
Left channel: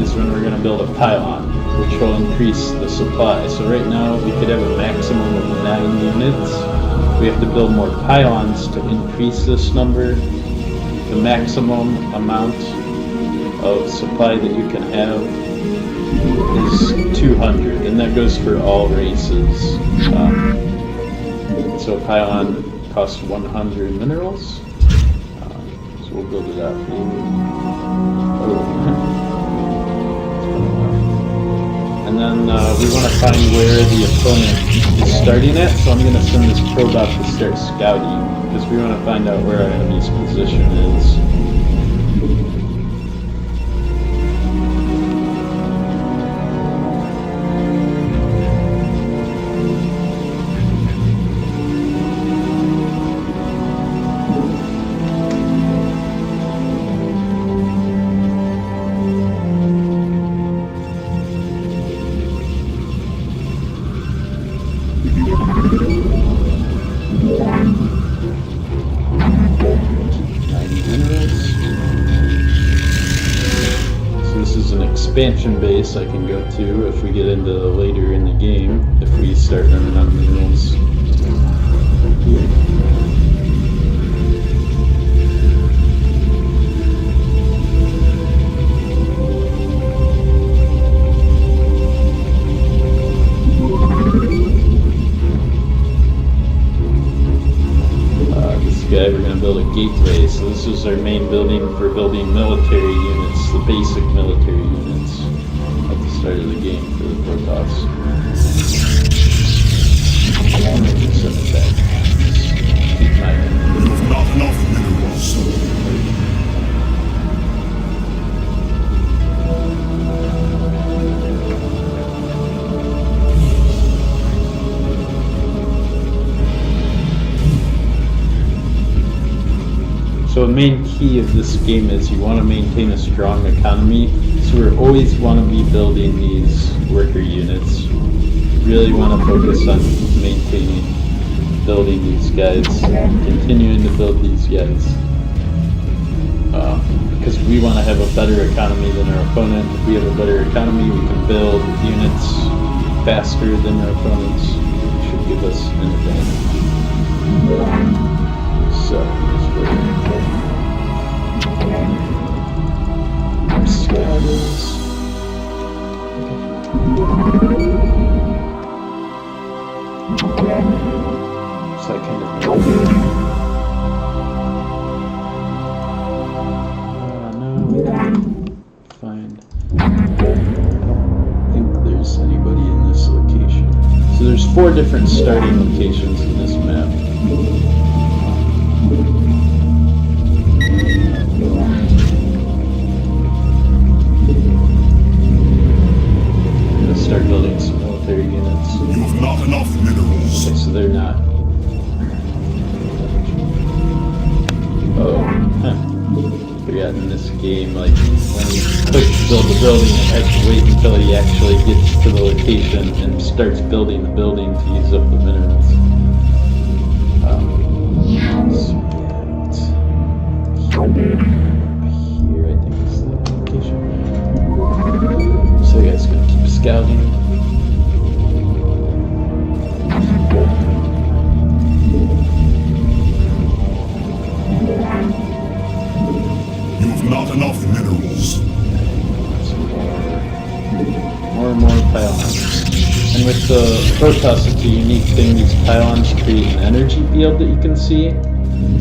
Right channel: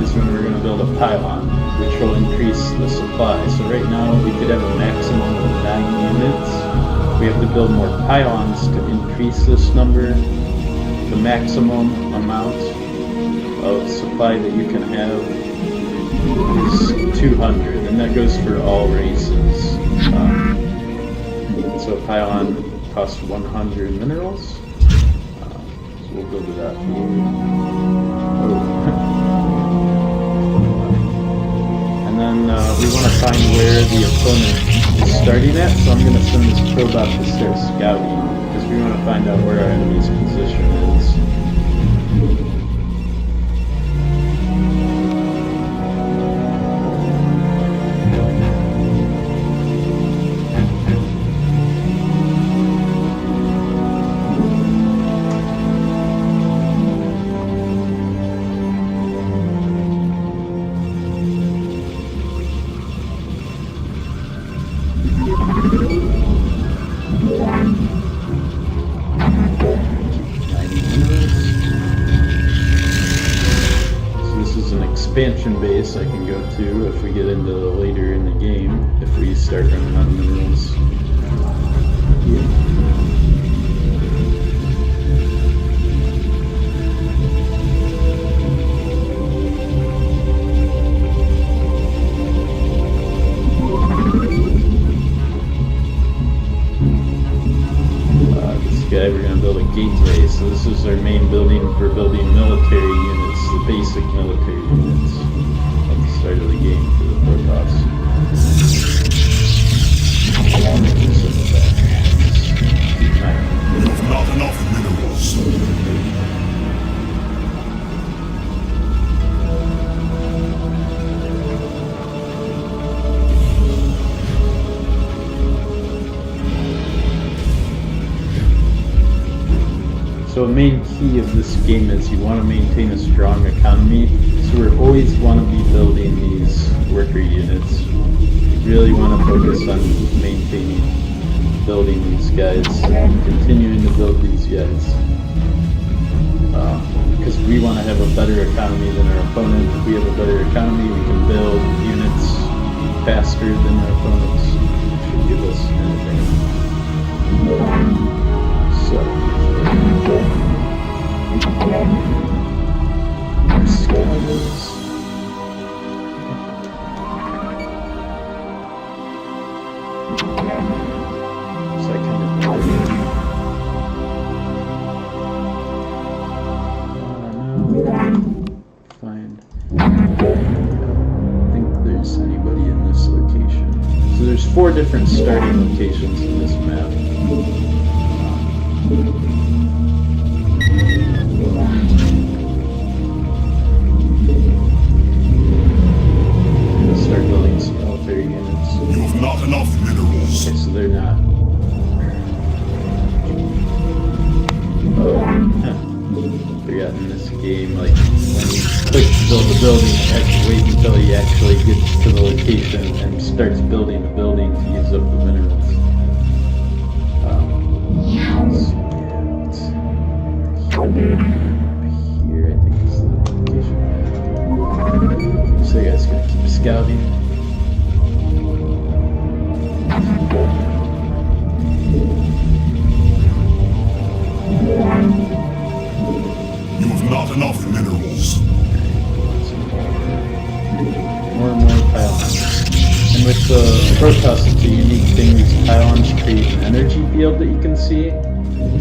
is when we're going to build a pylon, which will increase the supply. So right now we could have a maximum of 9 units. We have to build more pylons to increase this number. The maximum amount of supply that you can have is 200, and that goes for all races. So a pylon costs 100 minerals. So we'll build it out here. Oh. And then we want to find where the opponent is starting at, so I'm going to send this probe out to start scouting, because we want to find out where our enemy's position is. expansion base I can go to if we get into later in the game, if we start running out of minerals. Here. This guy, we're going to build a gateway. So this is our main building for building military units, the basic military units at the start of the game for the Protoss. You've not enough minerals. So a main key of this game is you want to maintain a strong economy. So we always want to be building these worker units. You really want to focus on maintaining, building these guys, continuing to build these guys. Because we want to have a better economy than our opponent. If we have a better economy, we can build units faster than our opponents. It should give us an advantage. So, so I kind of no, find. I don't think there's anybody in this location. So there's 4 different starting locations in this map. Let's start building some military units. You've not enough minerals. Okay, so they're not. Forgot in this game, like when you click to build the building, it has to wait until he actually gets to the location and starts building the building to use up the minerals. Here, I think is the location. So you guys gonna keep scouting. You've not enough minerals. More pylons. And with the Protoss, it's a unique thing. These pylons create an energy field that you can see.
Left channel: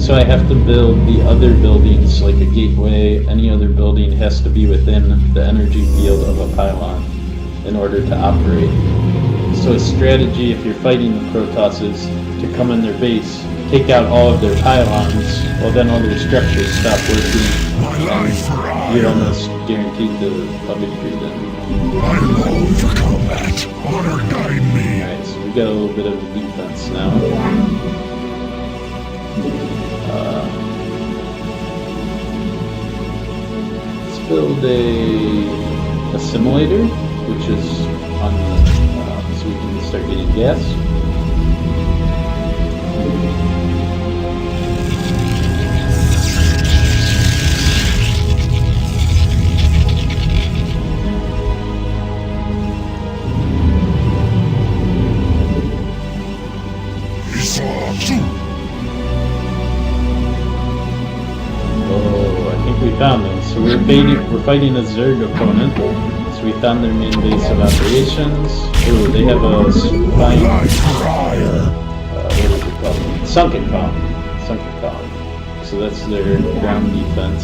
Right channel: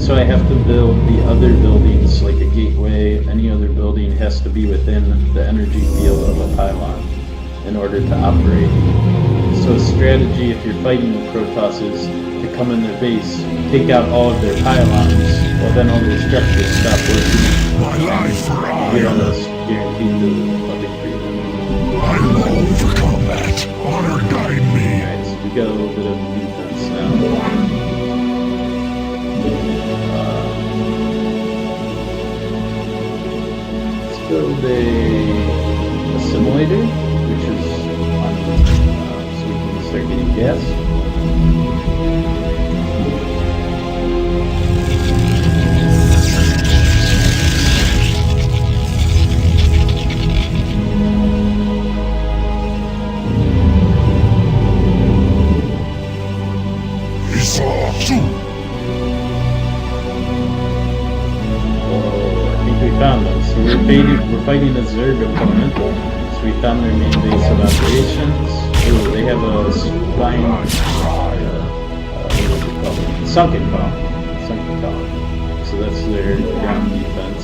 So I have to build the other buildings, like a gateway. Any other building has to be within the energy field of a pylon in order to operate. So a strategy if you're fighting the Protoss is to come in their base, take out all of their pylons, well then all their structures stop working. My life for You're iron. almost guaranteed to victory then. I long for combat. Honor guide me. Alright, so we got a little bit of defense now. Let's build a assimilator, which is on the, so we can start getting gas. Oh, I think we found them. So we're fighting a Zerg opponent. So we found their main base of operations. Oh, they have a spine. What is it called? Sunken column. So that's their ground defense.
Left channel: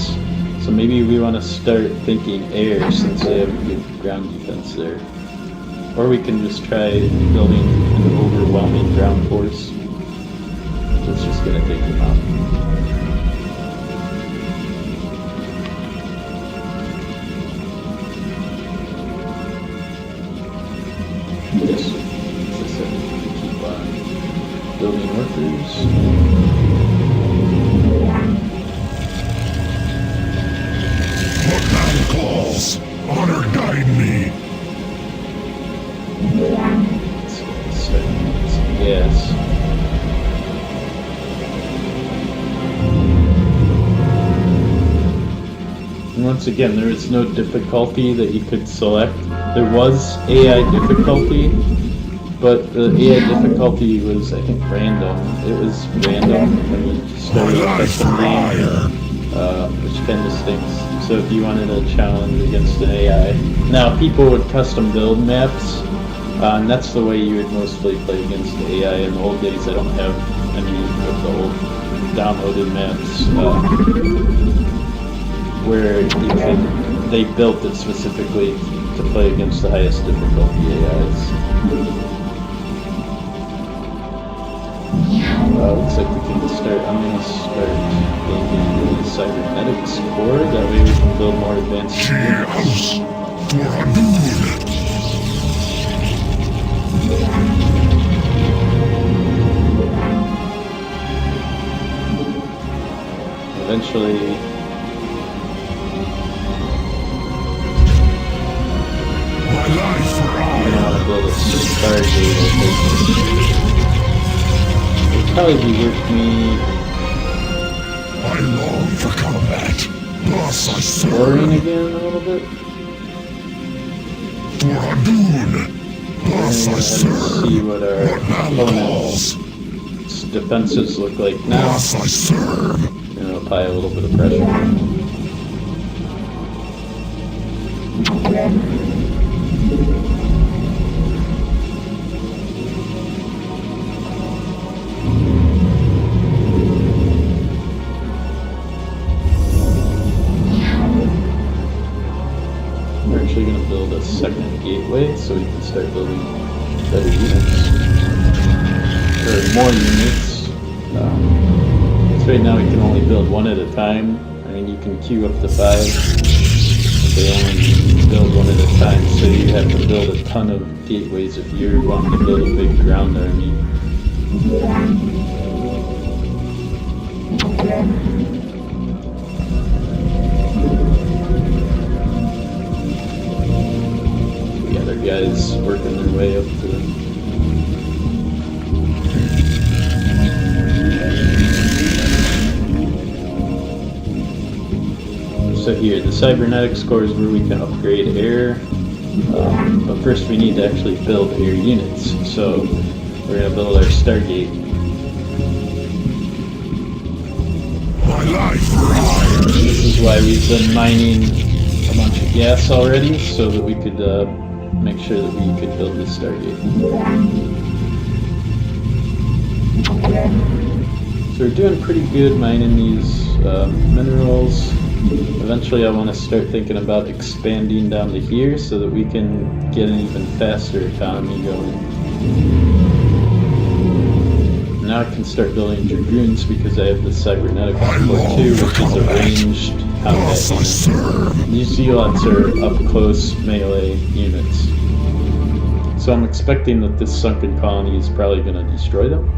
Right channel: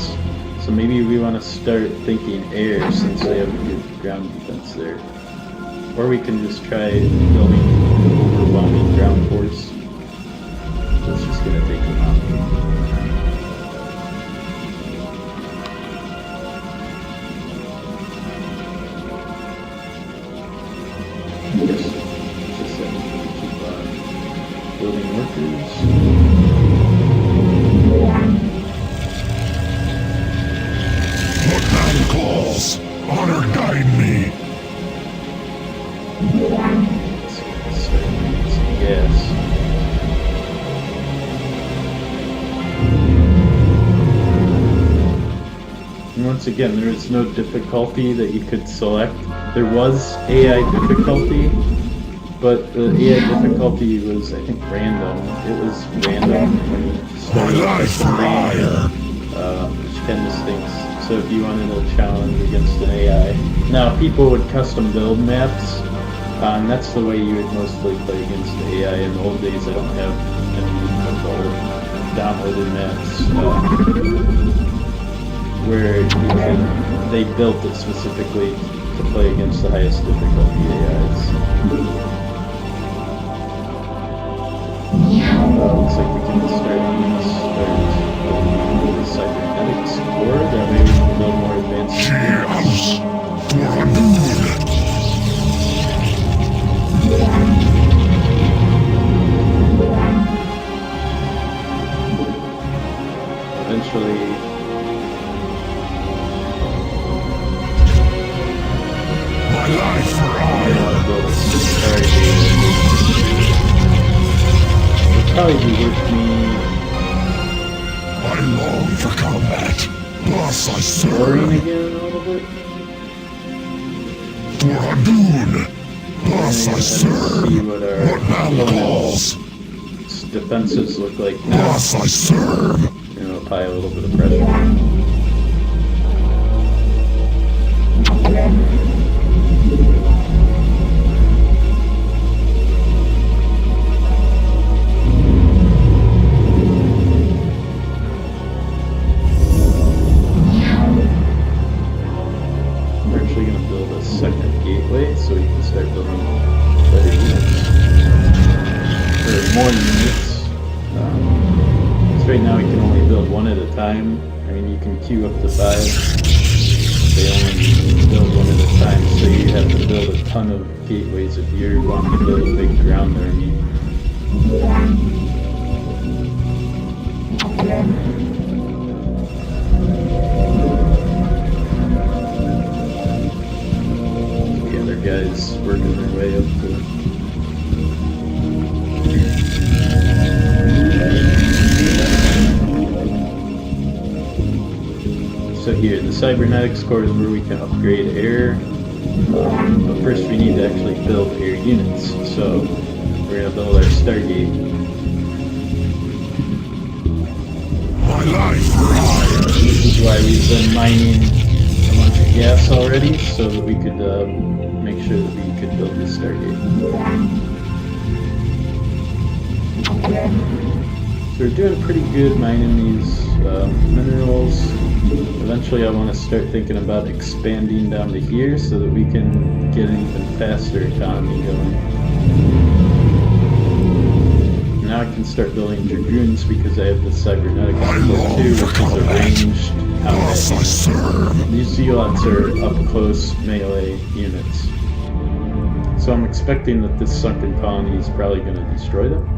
So maybe we want to start thinking air since they have good ground defense there. Or we can just try building an overwhelming ground force. So it's just going to take them out. Building workers. Look down the claws. Honor guide me. Yes. And once again, there is no difficulty that you could select. There was AI difficulty, but the AI difficulty was, I think, random. It was random when you started custom game, which kind of stinks. So if you wanted a challenge against an AI, now people would custom build maps, and that's the way you would mostly play against the AI. In the old days, I don't have any of the old downloaded maps where they built it specifically to play against the highest difficulty AIs. Looks like we can start. I'm gonna start building the cybernetics core. That way we can build more advanced Cheers for a dude. Eventually, My life for I want hire. to build a Stargate. It'd probably be worth me I long for combat. Thus I exploring serve again a little bit. for a dude. Thus I See serve. what our What man calls. defenses look like now. Thus I serve. I'm gonna apply a little bit of pressure. We're actually going to build a second gateway so we can start building better units. Or more units. Right now we can only build one at a time. I mean, you can queue up to 5, but they only build one at a time, so you have to build a ton of gateways if you're wanting to build a big ground army. We got our guys working their way up to So here, the cybernetics core is where we can upgrade air, but first we need to actually build air units. So we're going to build our Stargate. My life for hire. This is why we've been mining a bunch of gas already, so that we could make sure that we could build this Stargate. So we're doing pretty good mining these minerals. Eventually I want to start thinking about expanding down to here so that we can get an even faster economy going. Now I can start building dragoons because I have the cybernetic core too, which is a ranged Thus I combat serve. unit. These zealots are up close melee units. So I'm expecting that this sunken colony is probably going to destroy them.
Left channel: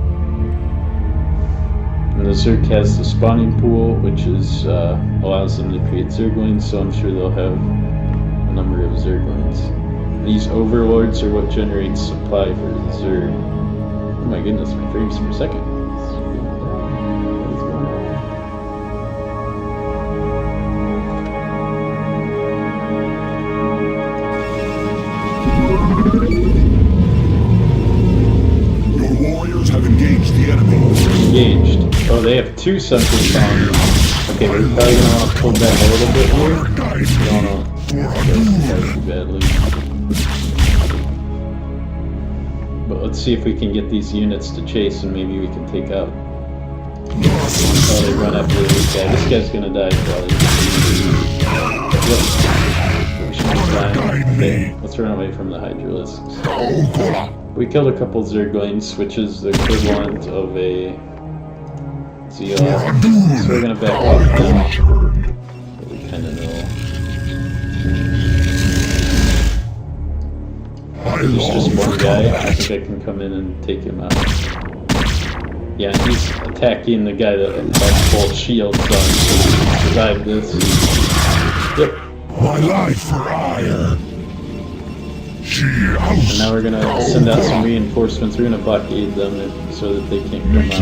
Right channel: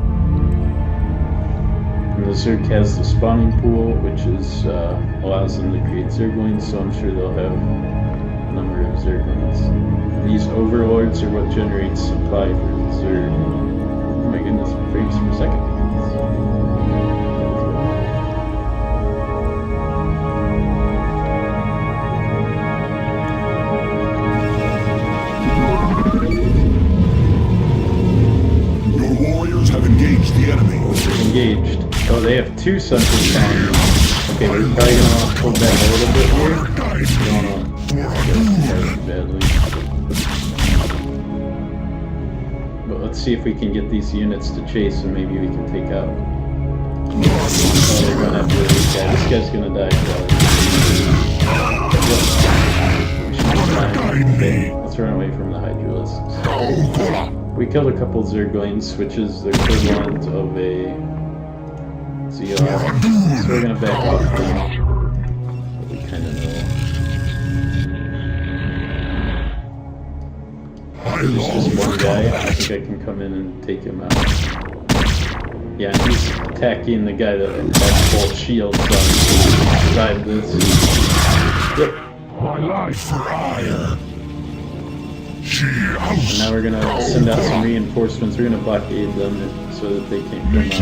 And the Zerg has the spawning pool, which is allows them to create Zerglings, so I'm sure they'll have a number of Zerglings. These overlords are what generates supply for the Zerg. Oh my goodness, my frames per second. Your warriors have engaged the enemy. Engaged. Oh, they have 2 sunken colonies. Okay, we're probably going to want to pull back a little bit more. Guide Don't me want to for a too badly. But let's see if we can get these units to chase and maybe we can take out. Thus I Oh, they run serve. after this guy. This guy's gonna die probably. Guide me. Let's run away from the Hydralisks. Oh, Kola. We killed a couple Zerglings, which is the equivalent of a Zealot. So we're gonna back off now. But we kinda know. I long Just for one guy. I combat. think I can come in and take him out. Yeah, he's attacking the guy that has full shields on to survive this. Yep. My life for hire. She And house. now we're gonna send out some reinforcements. We're gonna blockade them so that they can't come out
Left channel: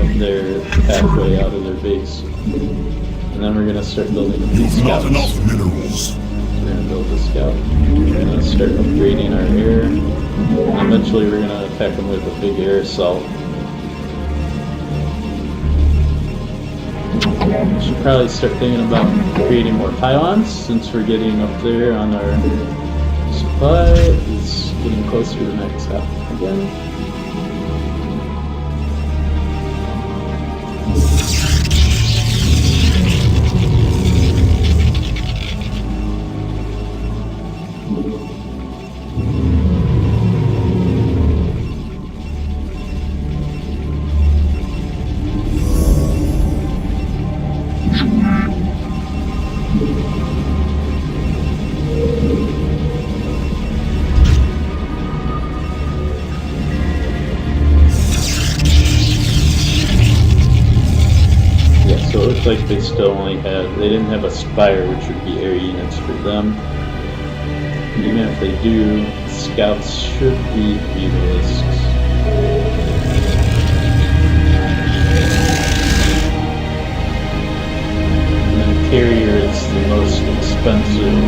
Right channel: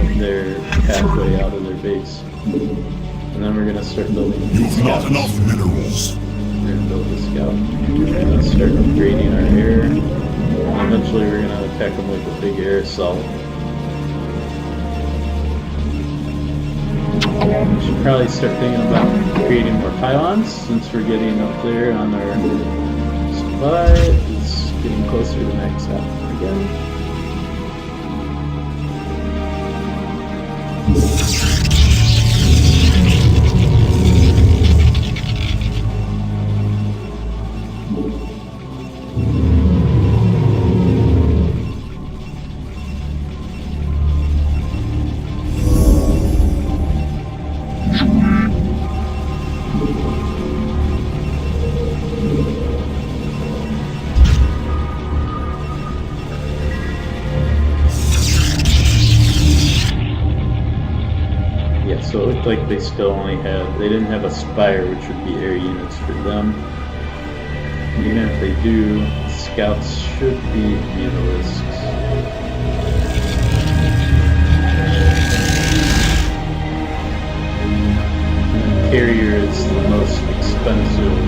of their pathway out of their base. and then we're gonna start building. You've not enough minerals. We're gonna build the scout. We're gonna start upgrading our air. And eventually we're gonna attack them with a big air assault. We should probably start thinking about creating more pylons since we're getting up there on our supply. It's getting closer to max out again. Yeah, so it looks like they still only had, they didn't have a spire, which would be air units for them. Even if they do, scouts should be mutalisks. And then carrier is the most expensive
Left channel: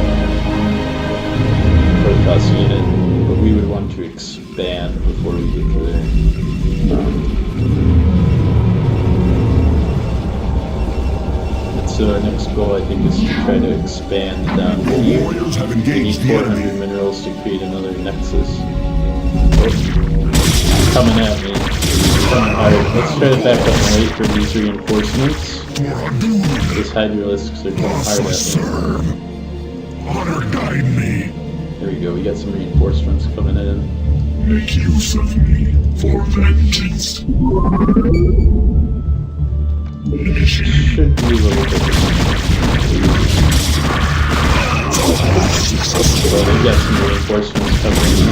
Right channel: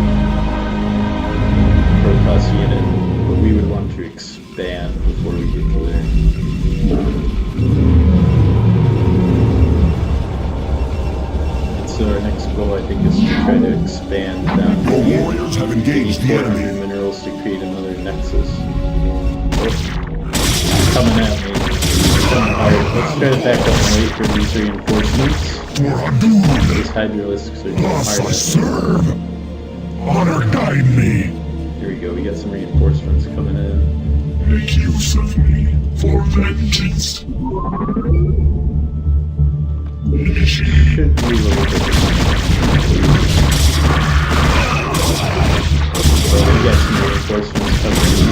Protoss unit, but we would want to expand before we get to So our next goal, I think, is to try to expand down Your here. warriors have We engaged need the 400 enemy. minerals to create another nexus. Oh, coming at me. Alright, let's try to back up and wait for these reinforcements. For Adun, These hydralisks are going thus I hard at me. serve. Honor guide me. There we go, we got some reinforcements coming in. Make use of me for vengeance. Initiate. Should be a little bit. Well, we got some reinforcements coming in.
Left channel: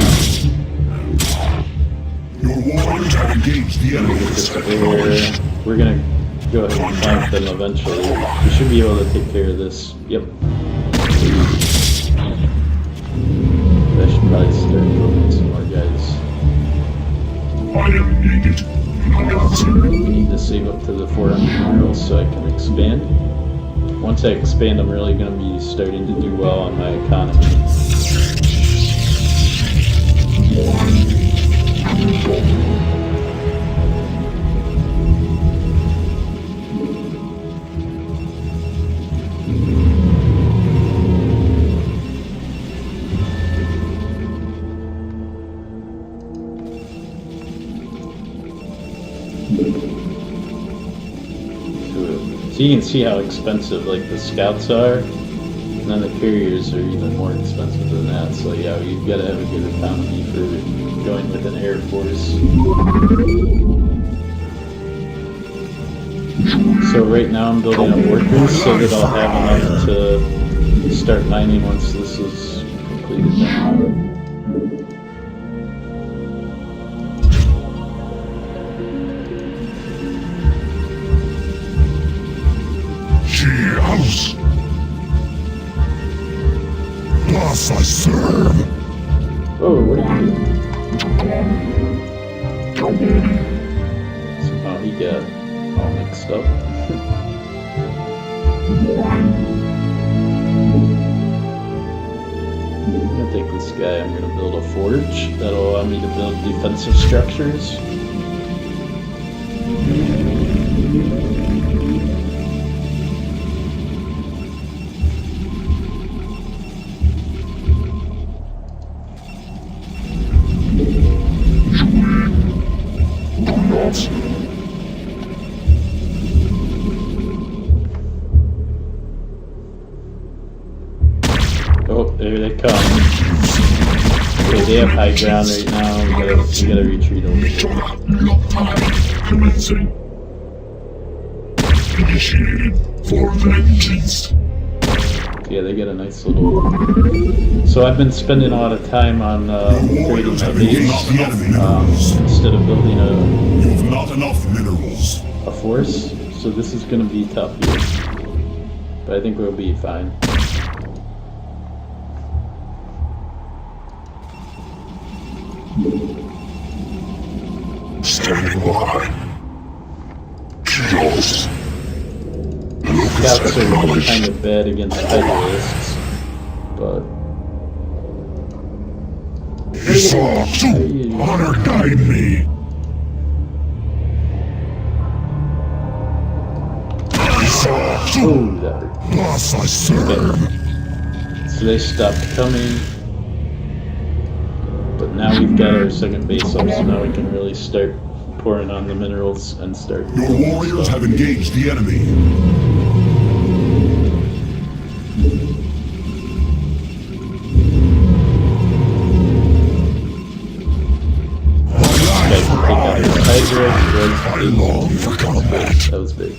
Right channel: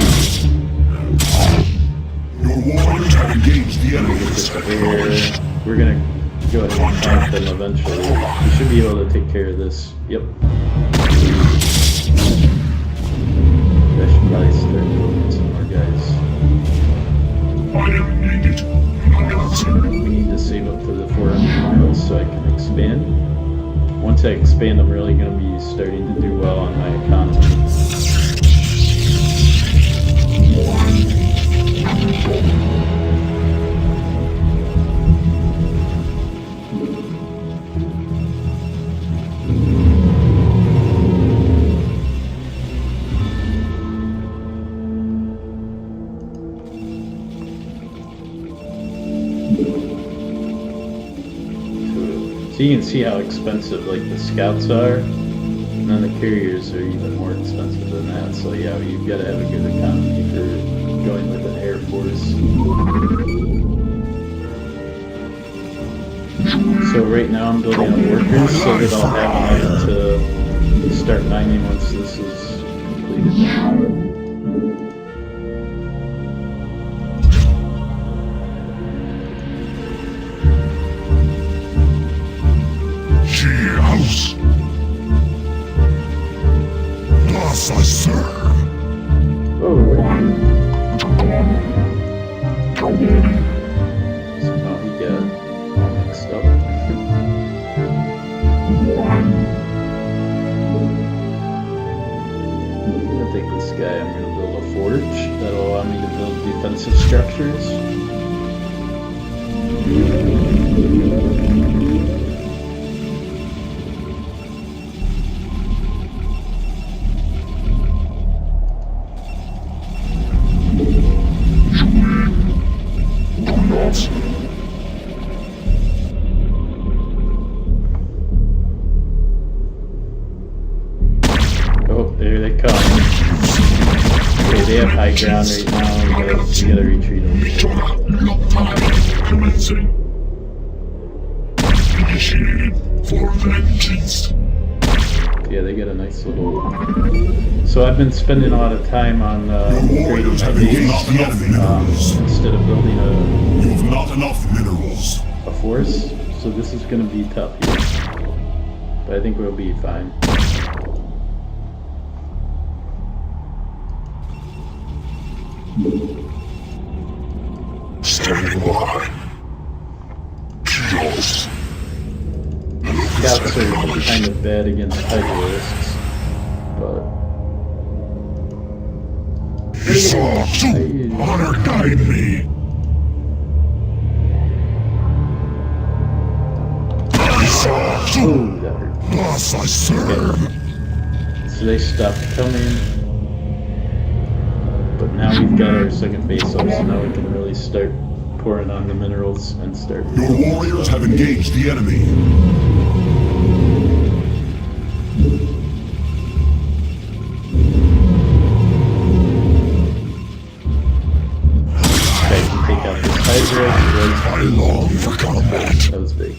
Your warriors have engaged the enemy. We're gonna go ahead and fight them eventually. We should be able to take care of this. Yep. I should probably start building some more guys. I am needed. We need to save up to the 400 miles so I can expand. Once I expand, I'm really gonna be starting to do well on my economy. So you can see how expensive like the scouts are, and then the carriers are even more expensive than that. So yeah, you've got to have a good economy for going with an air force. So right now I'm building a workers so that I'll have enough to start mining once this is completed. House. Thus I serve. Oh, what are you? Somehow he got all mixed up. I'm gonna take this guy, I'm gonna build a forge that'll allow me to build defensive structures. Oh, there they come. Okay, they have high ground right now, we gotta retreat over there. Commencing. Initiated for vengeance. Yeah, they get a nice little... So I've been spending a lot of time on creating my base instead of building You've not enough minerals. a force. So this is gonna be tough here. But I think we'll be fine. Standing by. Chaos. Look scouts are kind of bad against Federalists, but... Esau 2, honor guide me. Esau 2, Oh, that hurt. thus I serve. So they stopped coming. But now we've got our second base up, so now we can really start pouring on the minerals and start... Your warriors have engaged the enemy. I long for combat. That was big.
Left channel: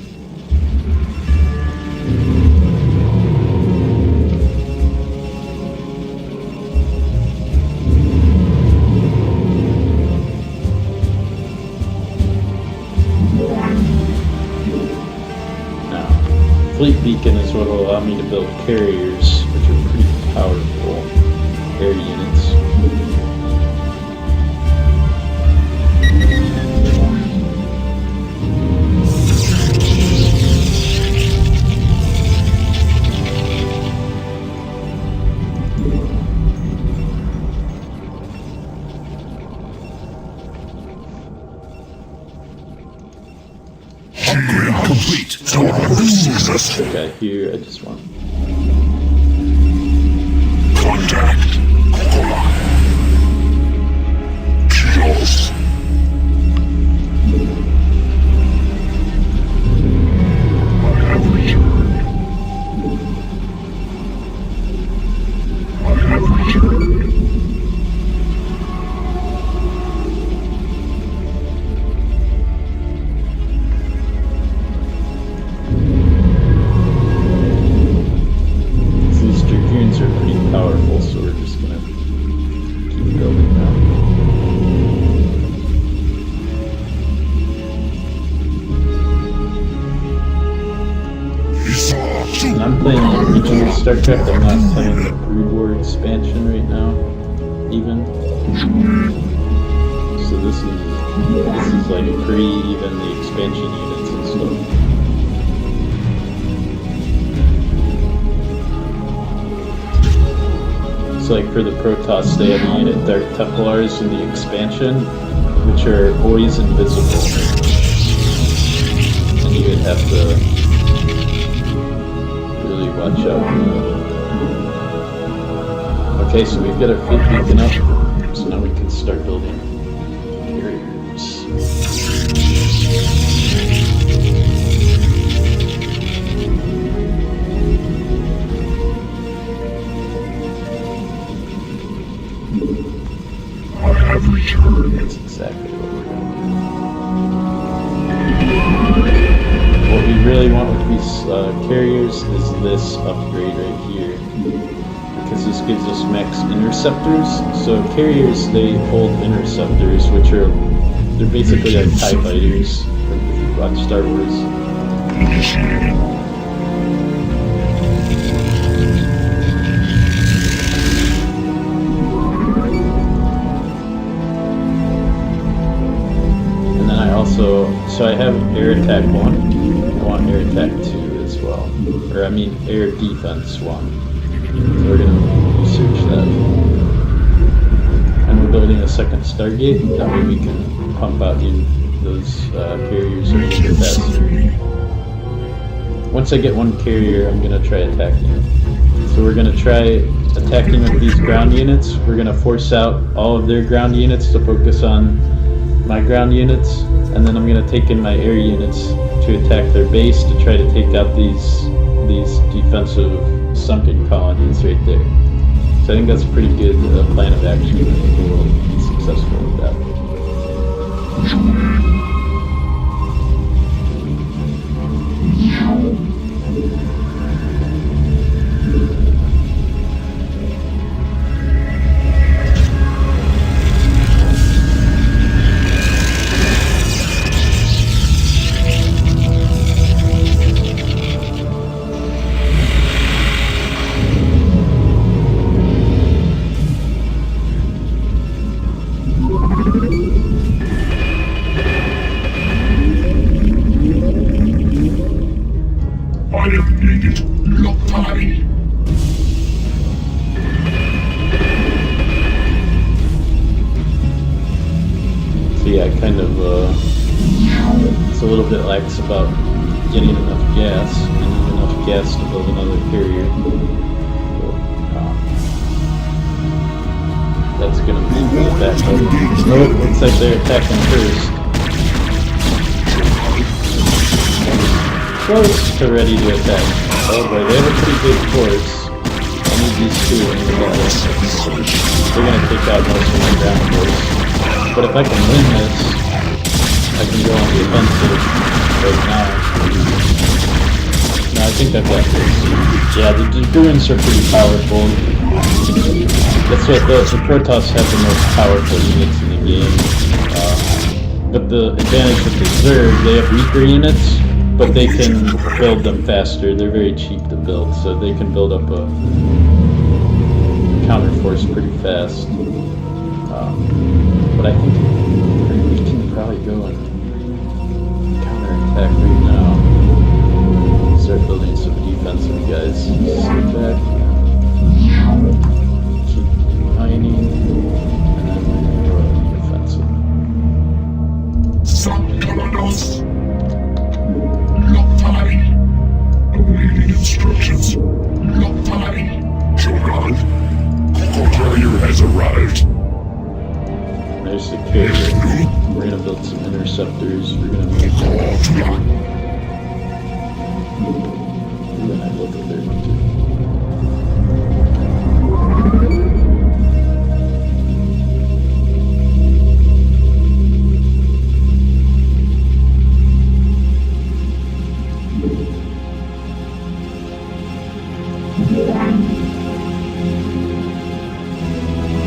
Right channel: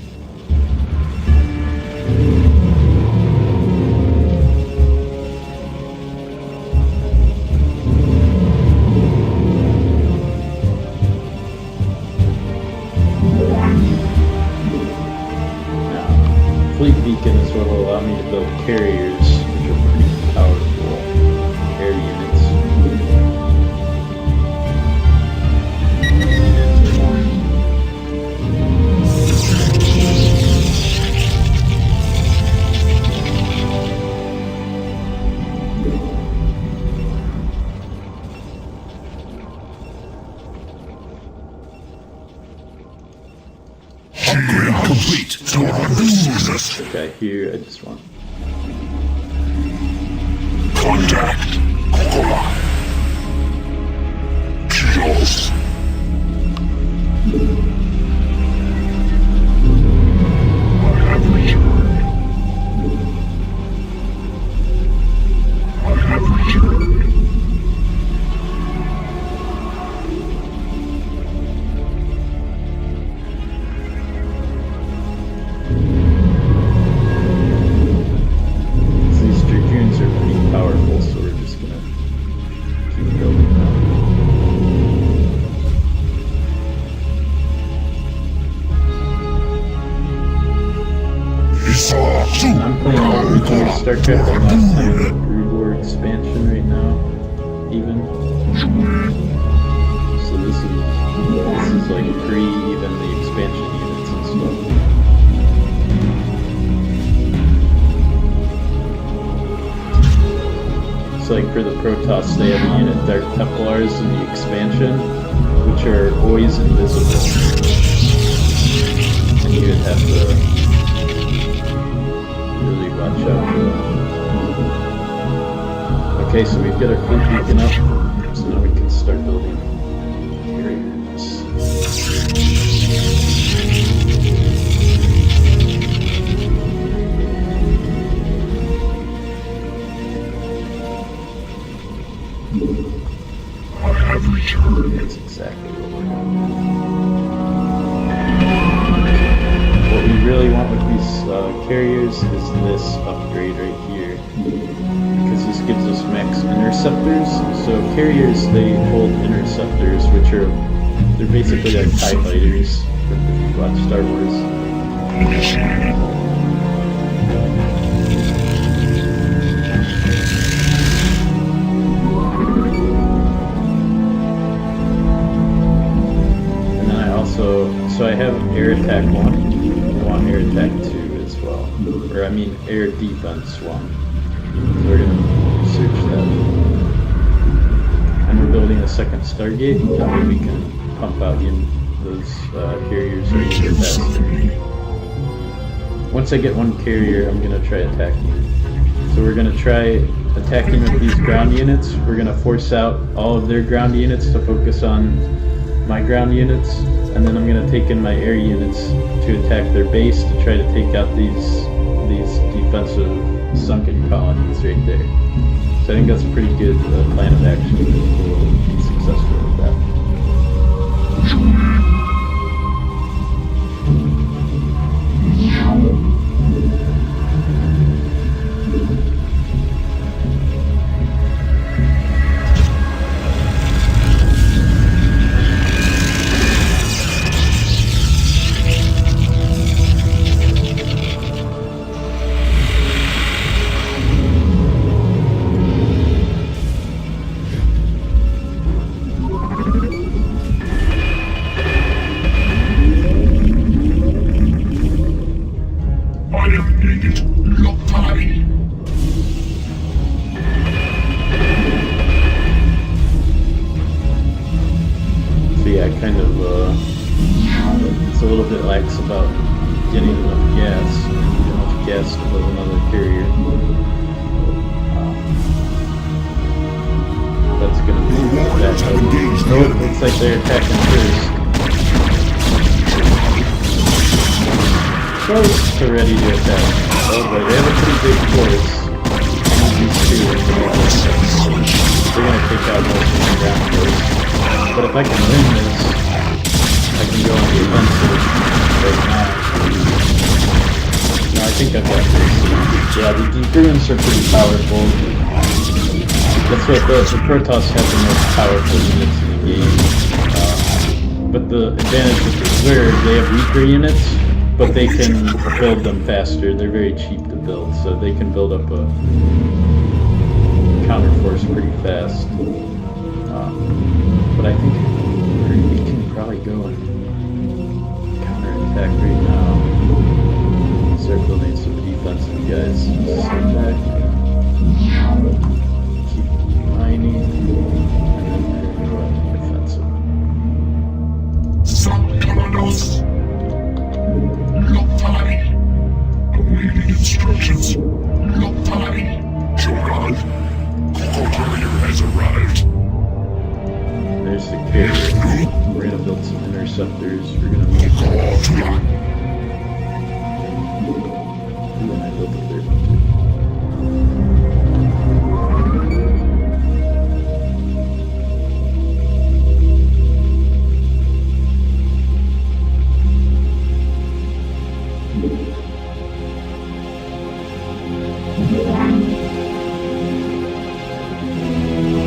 Now, Fleet Beacon is what will allow me to build carriers, which are pretty powerful air units. Upgrade complete. So Jesus. Okay, here I just want... Contact. Kills. I have returned. I have returned. These dragoons are pretty powerful, so we're just gonna keep building them. Esau 2. I'm playing original Starcraft, I'm not playing Brood War expansion right now, even. So this is like pre even the expansion units and stuff. It's like for the Protoss, they have a unit Dark Templars in the expansion, which are always invisible. And you would have to really watch out for them. Okay, so we've got our fleet beacon up, so now we can start building carriers. I have returned. That's exactly what we're going to do. What we really want with these carriers is this upgrade right here, because this gives us max interceptors. So carriers, they hold interceptors, which are, they're basically like TIE fighters from if you watch Star Wars. And then I also, so I have air attack 1. I want air attack 2 as well. Or I mean air defense 1. We're going to research that. And we're building a second Stargate, that way we can pump out those carriers a little bit faster. Once I get one carrier, I'm going to try attacking. So we're going to try attacking with these ground units. We're going to force out all of their ground units to focus on my ground units. And then I'm going to take in my air units to attack their base to try to take out these defensive sunken colonies right there. So I think that's a pretty good plan of action. I think we'll be successful with that. just a little bit lax about getting enough gas. You need enough gas to build another carrier. But, that's gonna be that. Oh, looks like they're attacking first. Close to ready to attack. Oh boy, they have a pretty big force. I need these two in the middle. They're gonna take out most of the ground force. But if I can win this, I can go on the offensive right now. No, I think I've got this. Yeah, the Bruins are pretty powerful. That's what the Protoss have the most powerful units in the game. But the advantage with the Zerg, they have weaker units, but they can build them faster. They're very cheap to build, so they can build up a counterforce pretty fast. But I think we can probably go and counterattack right now. Start building some defensive guys. Step back, keep mining, and then we're going to go offensive. Sankalanos. Loktai. Awaiting instructions. Loktai. Shogun. Coco carrier has arrived. There's the carrier. We're gonna build some interceptors. We're gonna make that. Ooh, and I built the third one too.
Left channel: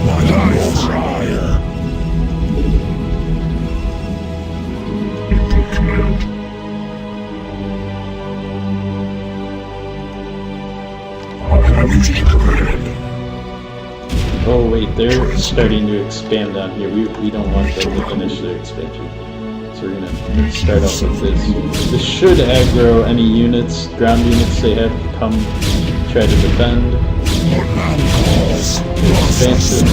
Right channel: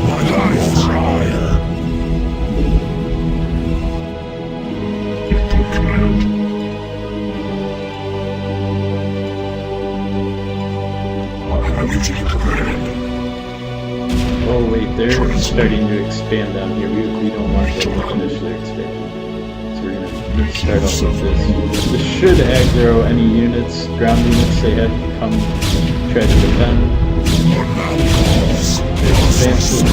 My life fire. Input command. Executing command. Oh wait, they're starting to expand down here. We don't want them to finish their expansion. So we're gonna start off with this. This should aggro any units, ground units they have come try to defend. Expansion.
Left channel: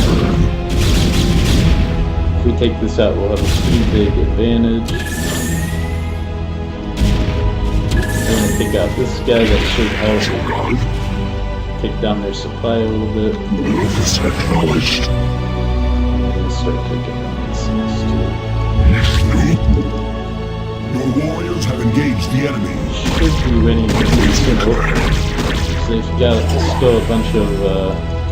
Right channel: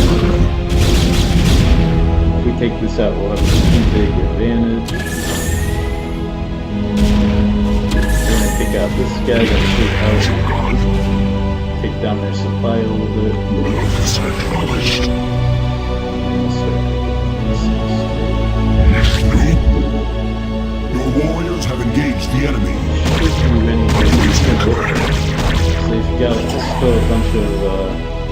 If we take this out, we'll have a pretty big advantage. We're gonna take out this guy that should help take down their supply a little bit. I'm gonna start taking down this next two. Your warriors have engaged the enemy. Should be winning this game. They've got still a bunch of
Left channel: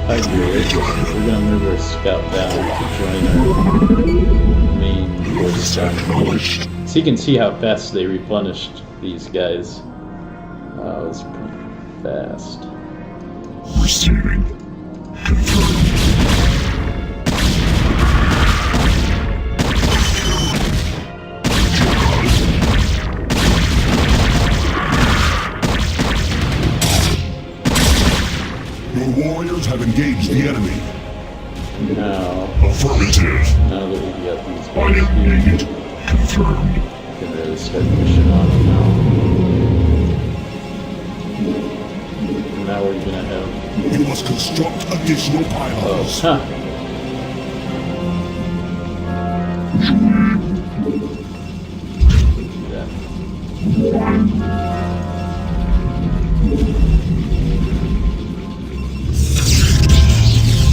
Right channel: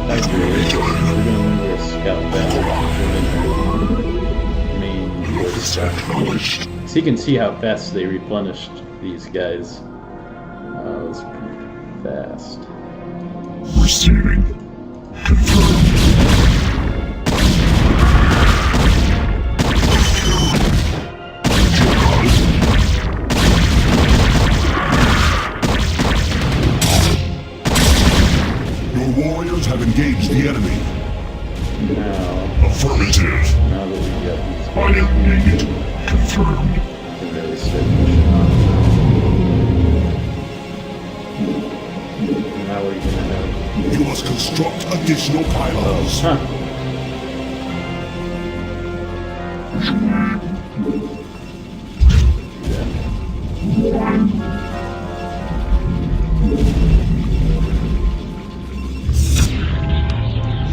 Tigers. We're gonna move our scout down to join our main force. So you can see how fast they replenished these guys. It was pretty fast. Receiving. Confirmed. Your warriors have engaged the enemy. Now, Affirmative. now that we've got these I guys am here, needed. Confirmed. we can really start pushing on them now. Now we're gonna have... You must construct additional pylons. Huh. Yeah.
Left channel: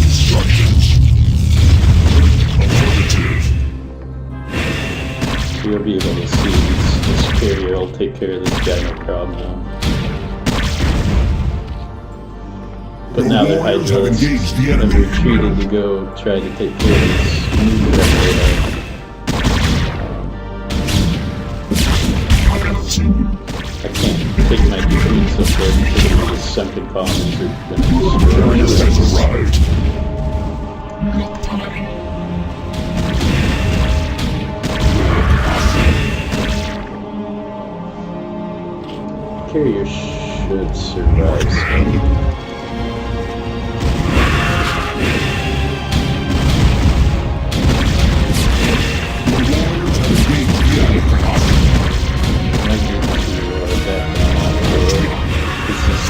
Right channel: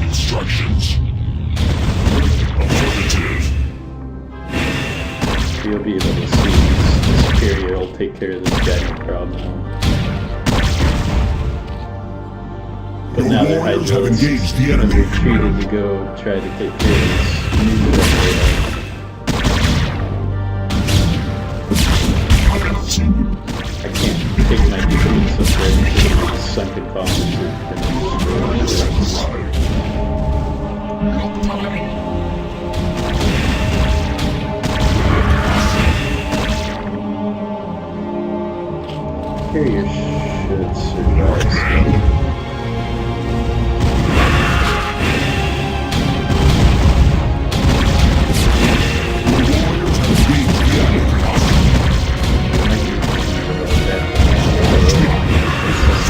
Instructions. Affirmative. You'll be able to see this carrier will take care of this guy no problem now. But Your now they're warriors have hydros engaged the have enemy. retreated to go try to take care of this new one. I can't take my defense this way because of the sunken column is going to destroy my legs. Carrier should survive. So.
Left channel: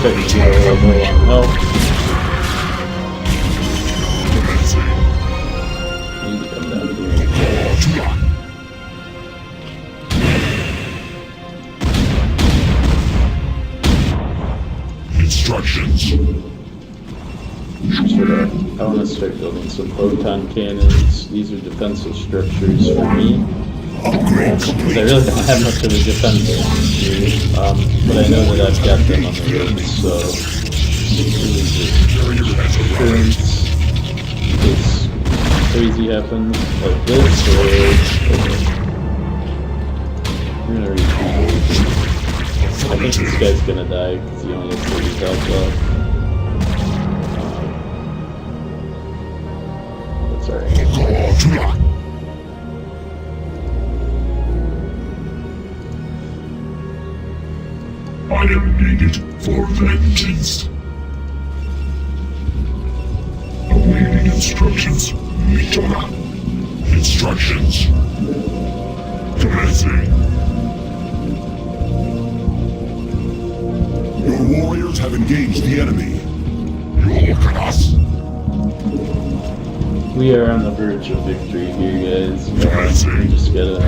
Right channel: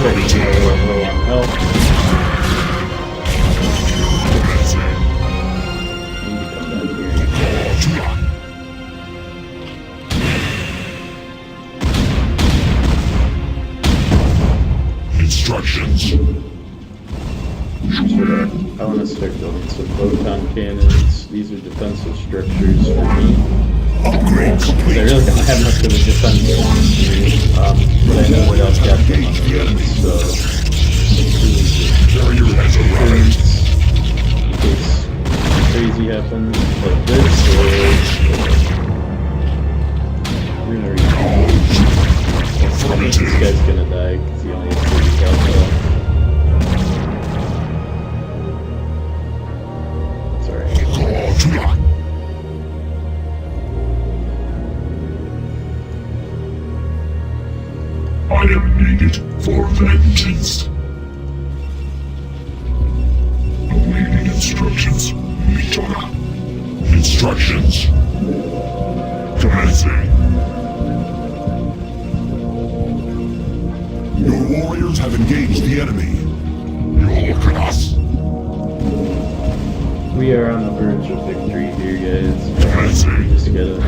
But we get a little low on health. We need to come down here and I want to start building some proton cannons. These are defensive structures for me. Upgrade complete. I really don't have much of a defense here, but I know that I've got them on the roof, so Carrier has arrived. in case crazy happens like this, or you're gonna reach. I think this guy's gonna die because he only has 30 health left. That's alright. I am needed for vengeance. Awaiting instructions. Mitona. Instructions. Commencing. Your warriors have engaged the enemy. You look at us. We are on the verge of victory here, guys. Commencing. We just gotta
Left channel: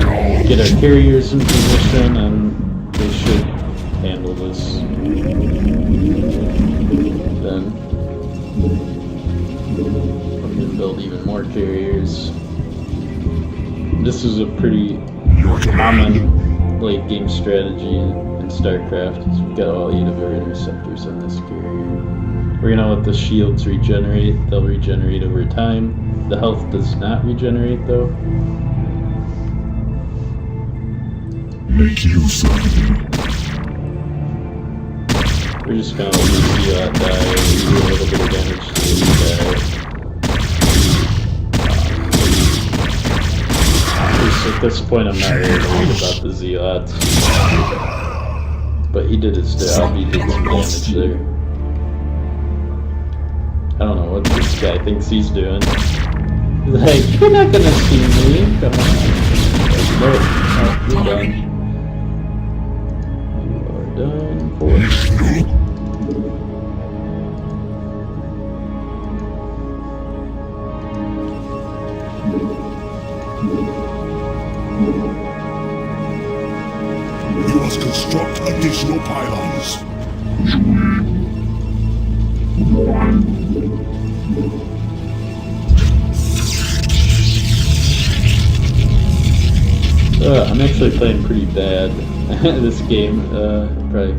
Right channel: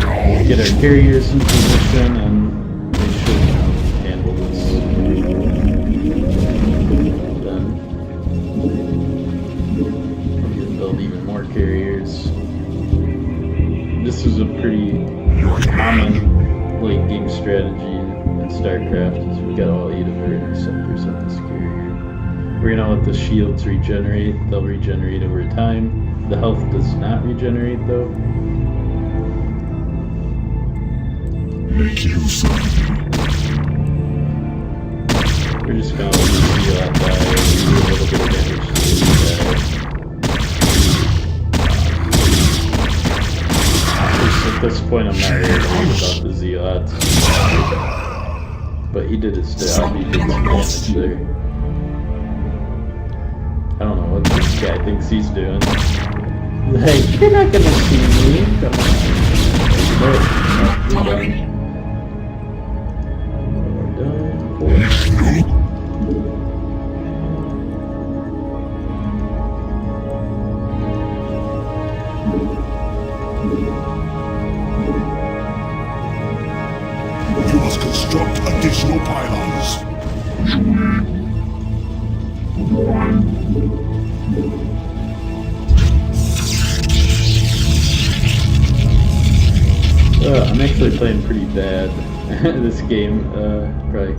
get our carriers in position, and they should handle this. Then I'm gonna build even more carriers. This is a pretty common late game strategy in Starcraft. So we got all 8 of our interceptors on this carrier. We're gonna let the shields regenerate. They'll regenerate over time. The health does not regenerate though. Make use of me. We're just gonna do that guy, do a little bit of damage to this guy. At this point I'm not really worried about the Zealot. But he did his job, he did some damage there. I don't know what this guy thinks he's doing. He's like, you're not gonna see me, come on. Like, no, you're done. You are done for. You must construct additional pylons. I'm actually playing pretty bad this game. Probably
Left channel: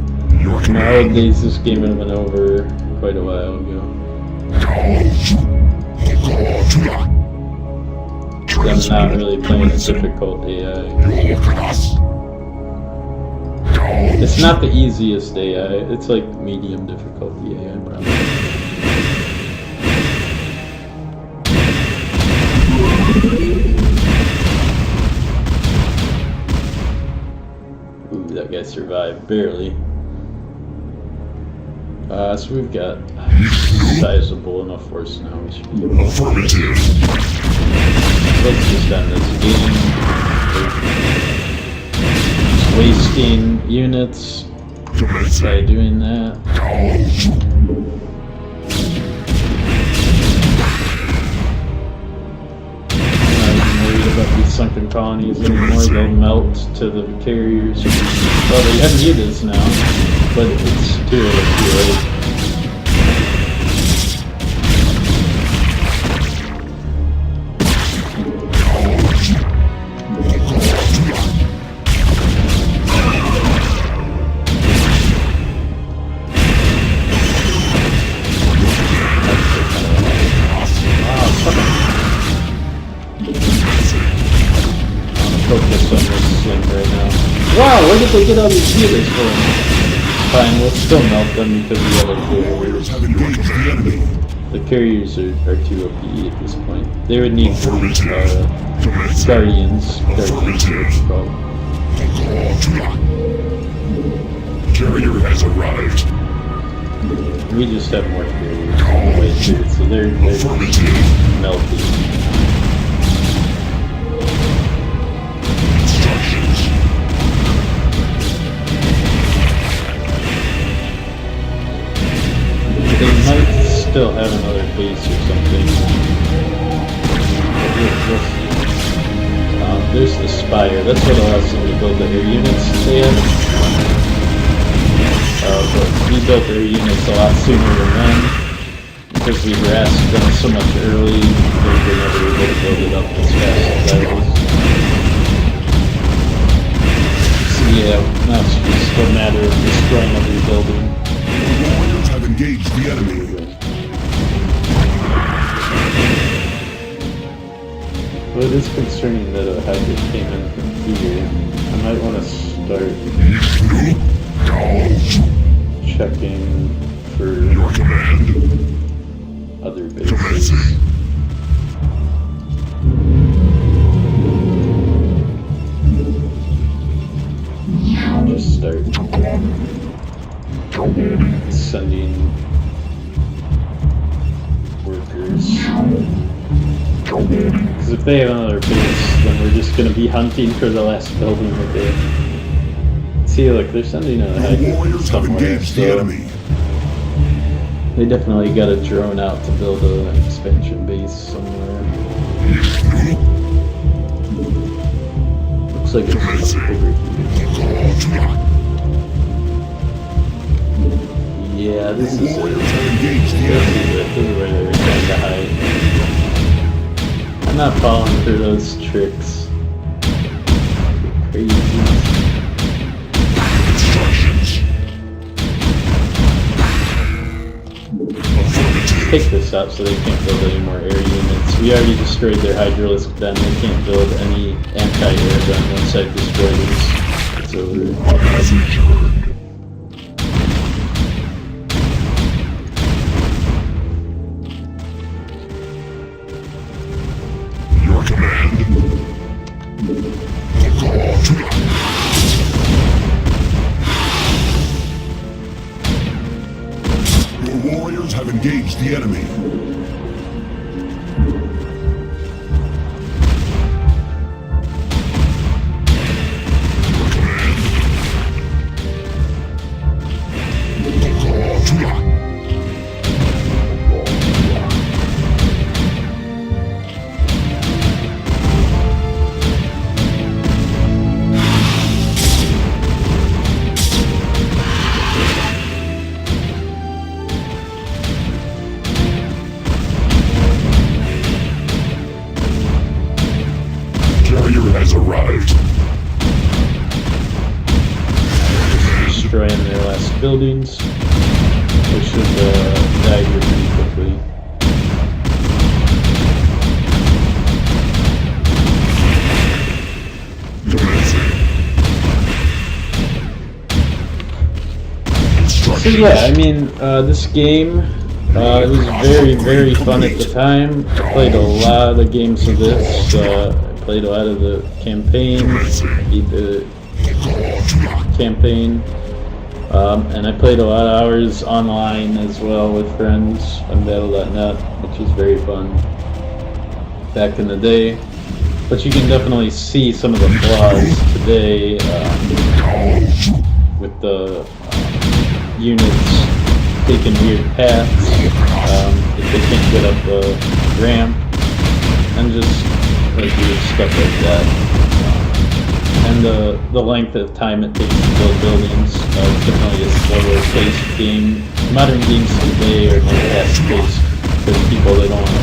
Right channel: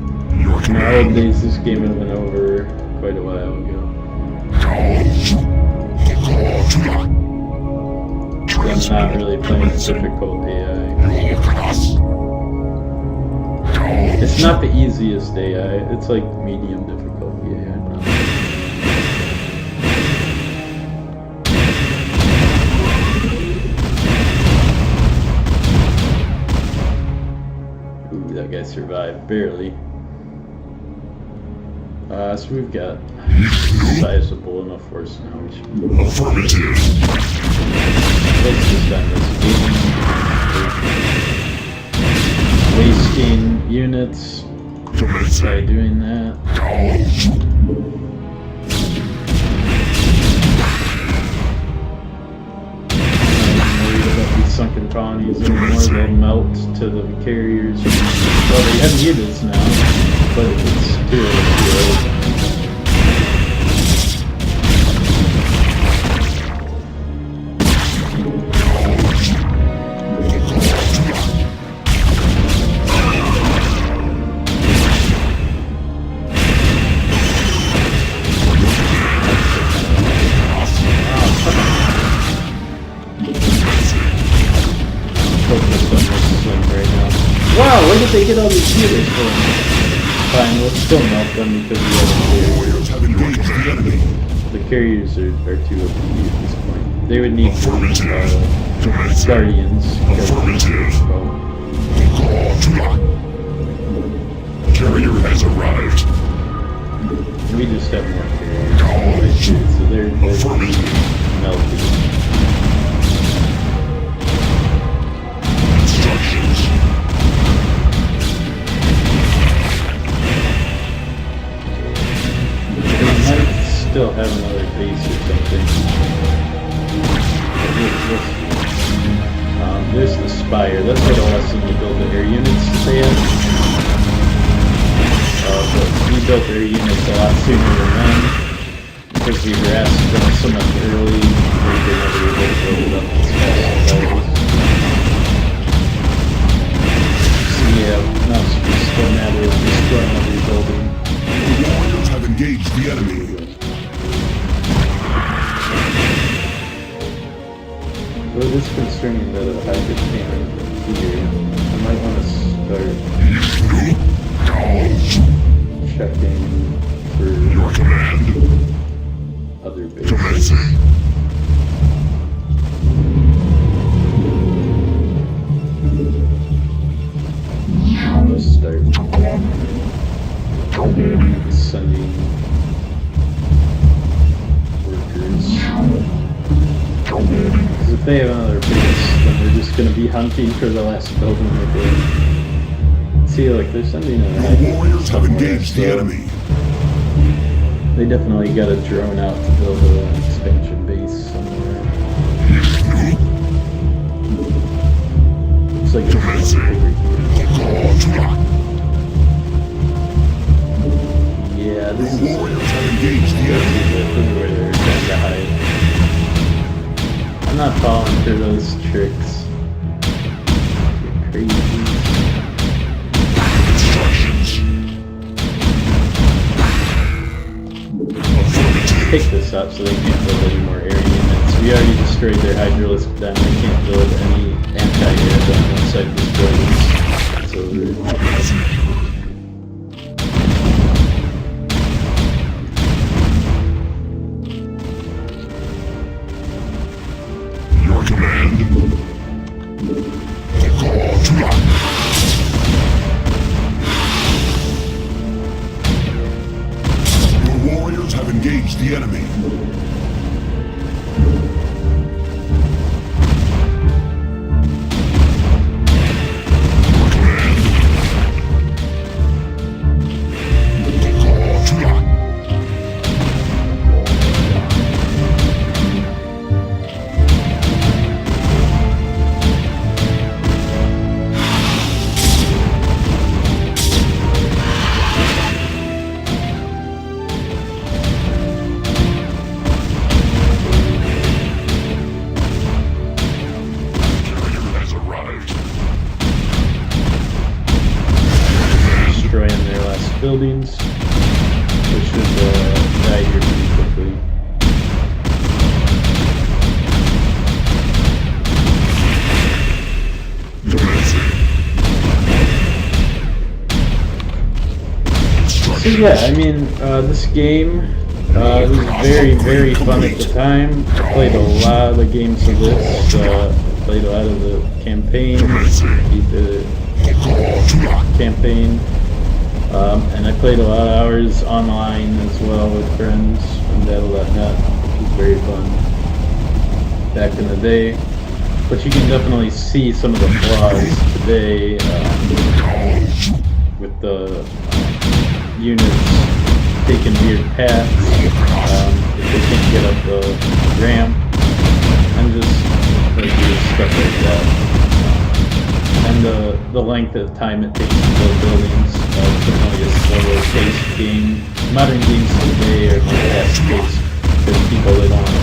nowadays this game would have been over quite a while ago. I'm not really playing difficult AI. It's not the easiest AI, it's like medium difficulty AI probably. Ooh, that guy survived, barely. So we've got sizable enough force now, we should be able to focus on this game. Wasting units by doing that. These sunken colonies anymore, they'll melt to the carriers. Well, they have units now, but it's too early. Wow, where did they get all these healers from? Fine, let's still melt them because we have a Warriors have engaged the enemy. The carriers are too OP at this point. They would need guardians. Carrier has arrived. We just have more carriers. So they're melted. Instructions. They might still have another base or something. But we'll see. There's the Spire. That's what allows them to build the air units they have. But we built air units a lot sooner than them. So because we harassed them so much early, they were never able to build it up as fast as ours. Yeah, now it's just a matter of destroying every building. The warriors have engaged the enemy. Well, it is concerning that a hybrid came in from here. I might want to start checking for Your command. other bases. Commencing. I'll just start sending workers. Because if they have another base, then we're just going to be hunting for the last building that they... See, look, they're sending a The warriors have engaged the enemy. They definitely got a drone out to build an expansion base somewhere. Looks like it's much bigger here. Yeah, this The is... warriors have engaged the enemy. Everywhere they're trying to hide. I'm not falling for those tricks. You're crazy. Instructions. Affirmative. Pick this up so they can't build any more air units. We already destroyed their hydralisk then. They can't build any anti-air gun inside these buildings. So Your command. The call to life. Your warriors have engaged the enemy. Your command. The call to life. destroying their last buildings. They should die here pretty quickly. So yeah, I mean, this game it was very, very fun at the time. I played a lot of games of this. I played a lot of the campaign, beat the campaign, and I played a lot of hours online as well with friends on Battle.net, which was very fun back in the day. But you can definitely see some of the flaws today with the units taking weird paths if they can't get up the ramp and just like weird stuff like that. And the length of time it takes to build buildings is definitely a slower paced game. Modern games today are more fast paced for people that don't want to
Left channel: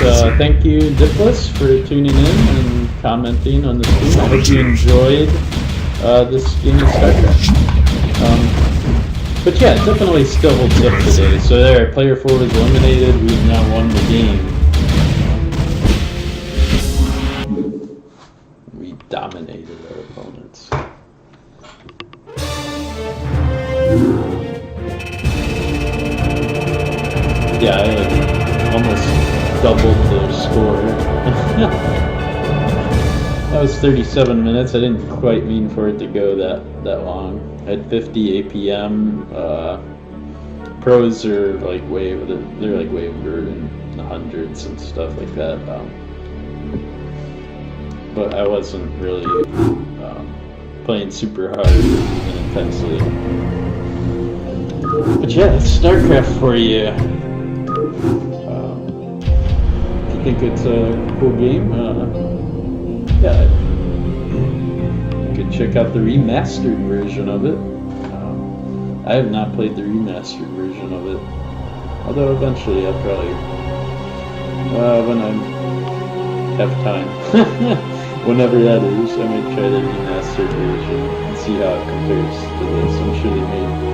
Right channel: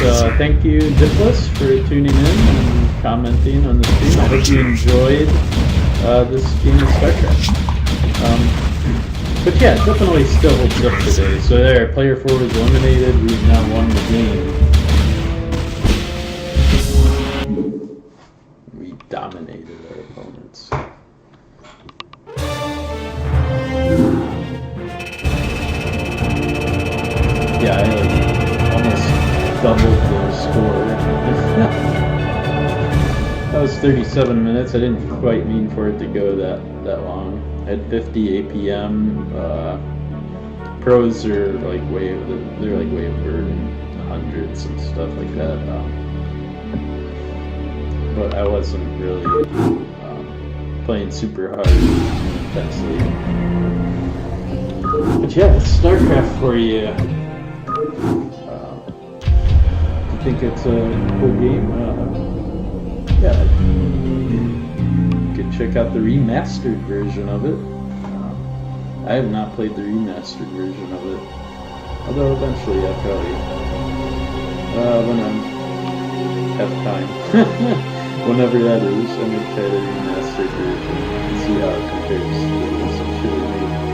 just thank you, Diplis, for tuning in and commenting on the stream. I hope you enjoyed this game of Starcraft. But yeah, it definitely still holds up today. So there, player 4 was eliminated. We've now won the game. We dominated our opponents. Yeah, I almost doubled their score. That was 37 minutes. I didn't quite mean for it to go that long. I had 50 APM. Pros are like way over in the hundreds and stuff like that. But I wasn't really playing super hard and intensely. But yeah, Starcraft for you. If you think it's a cool game, yeah, you could check out the remastered version of it. I have not played the remastered version of it, although eventually I'll probably, when I have time, whenever that is, I might try the remastered version and see how it compares to this. I'm sure they made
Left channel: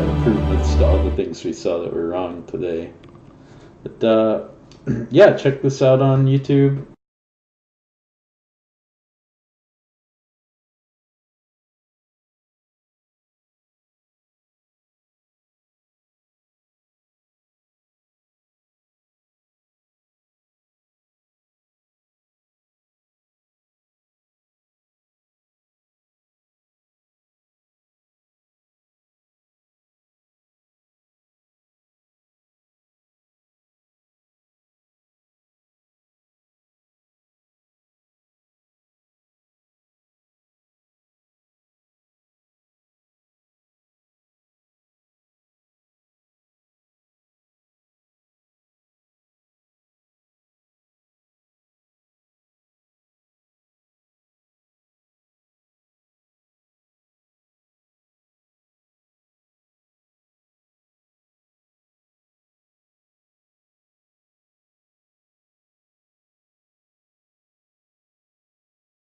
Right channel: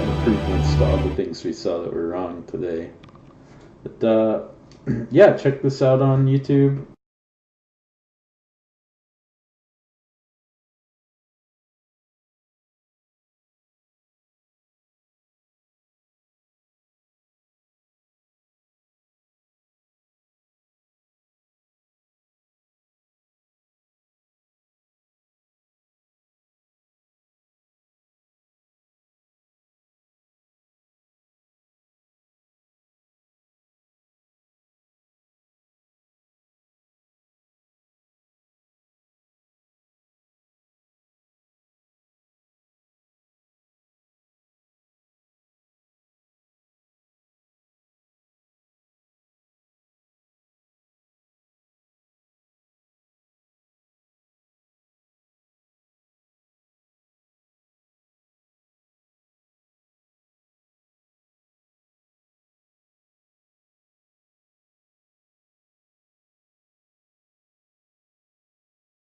improvements to all the things we saw that were wrong today. But yeah, check this out on YouTube.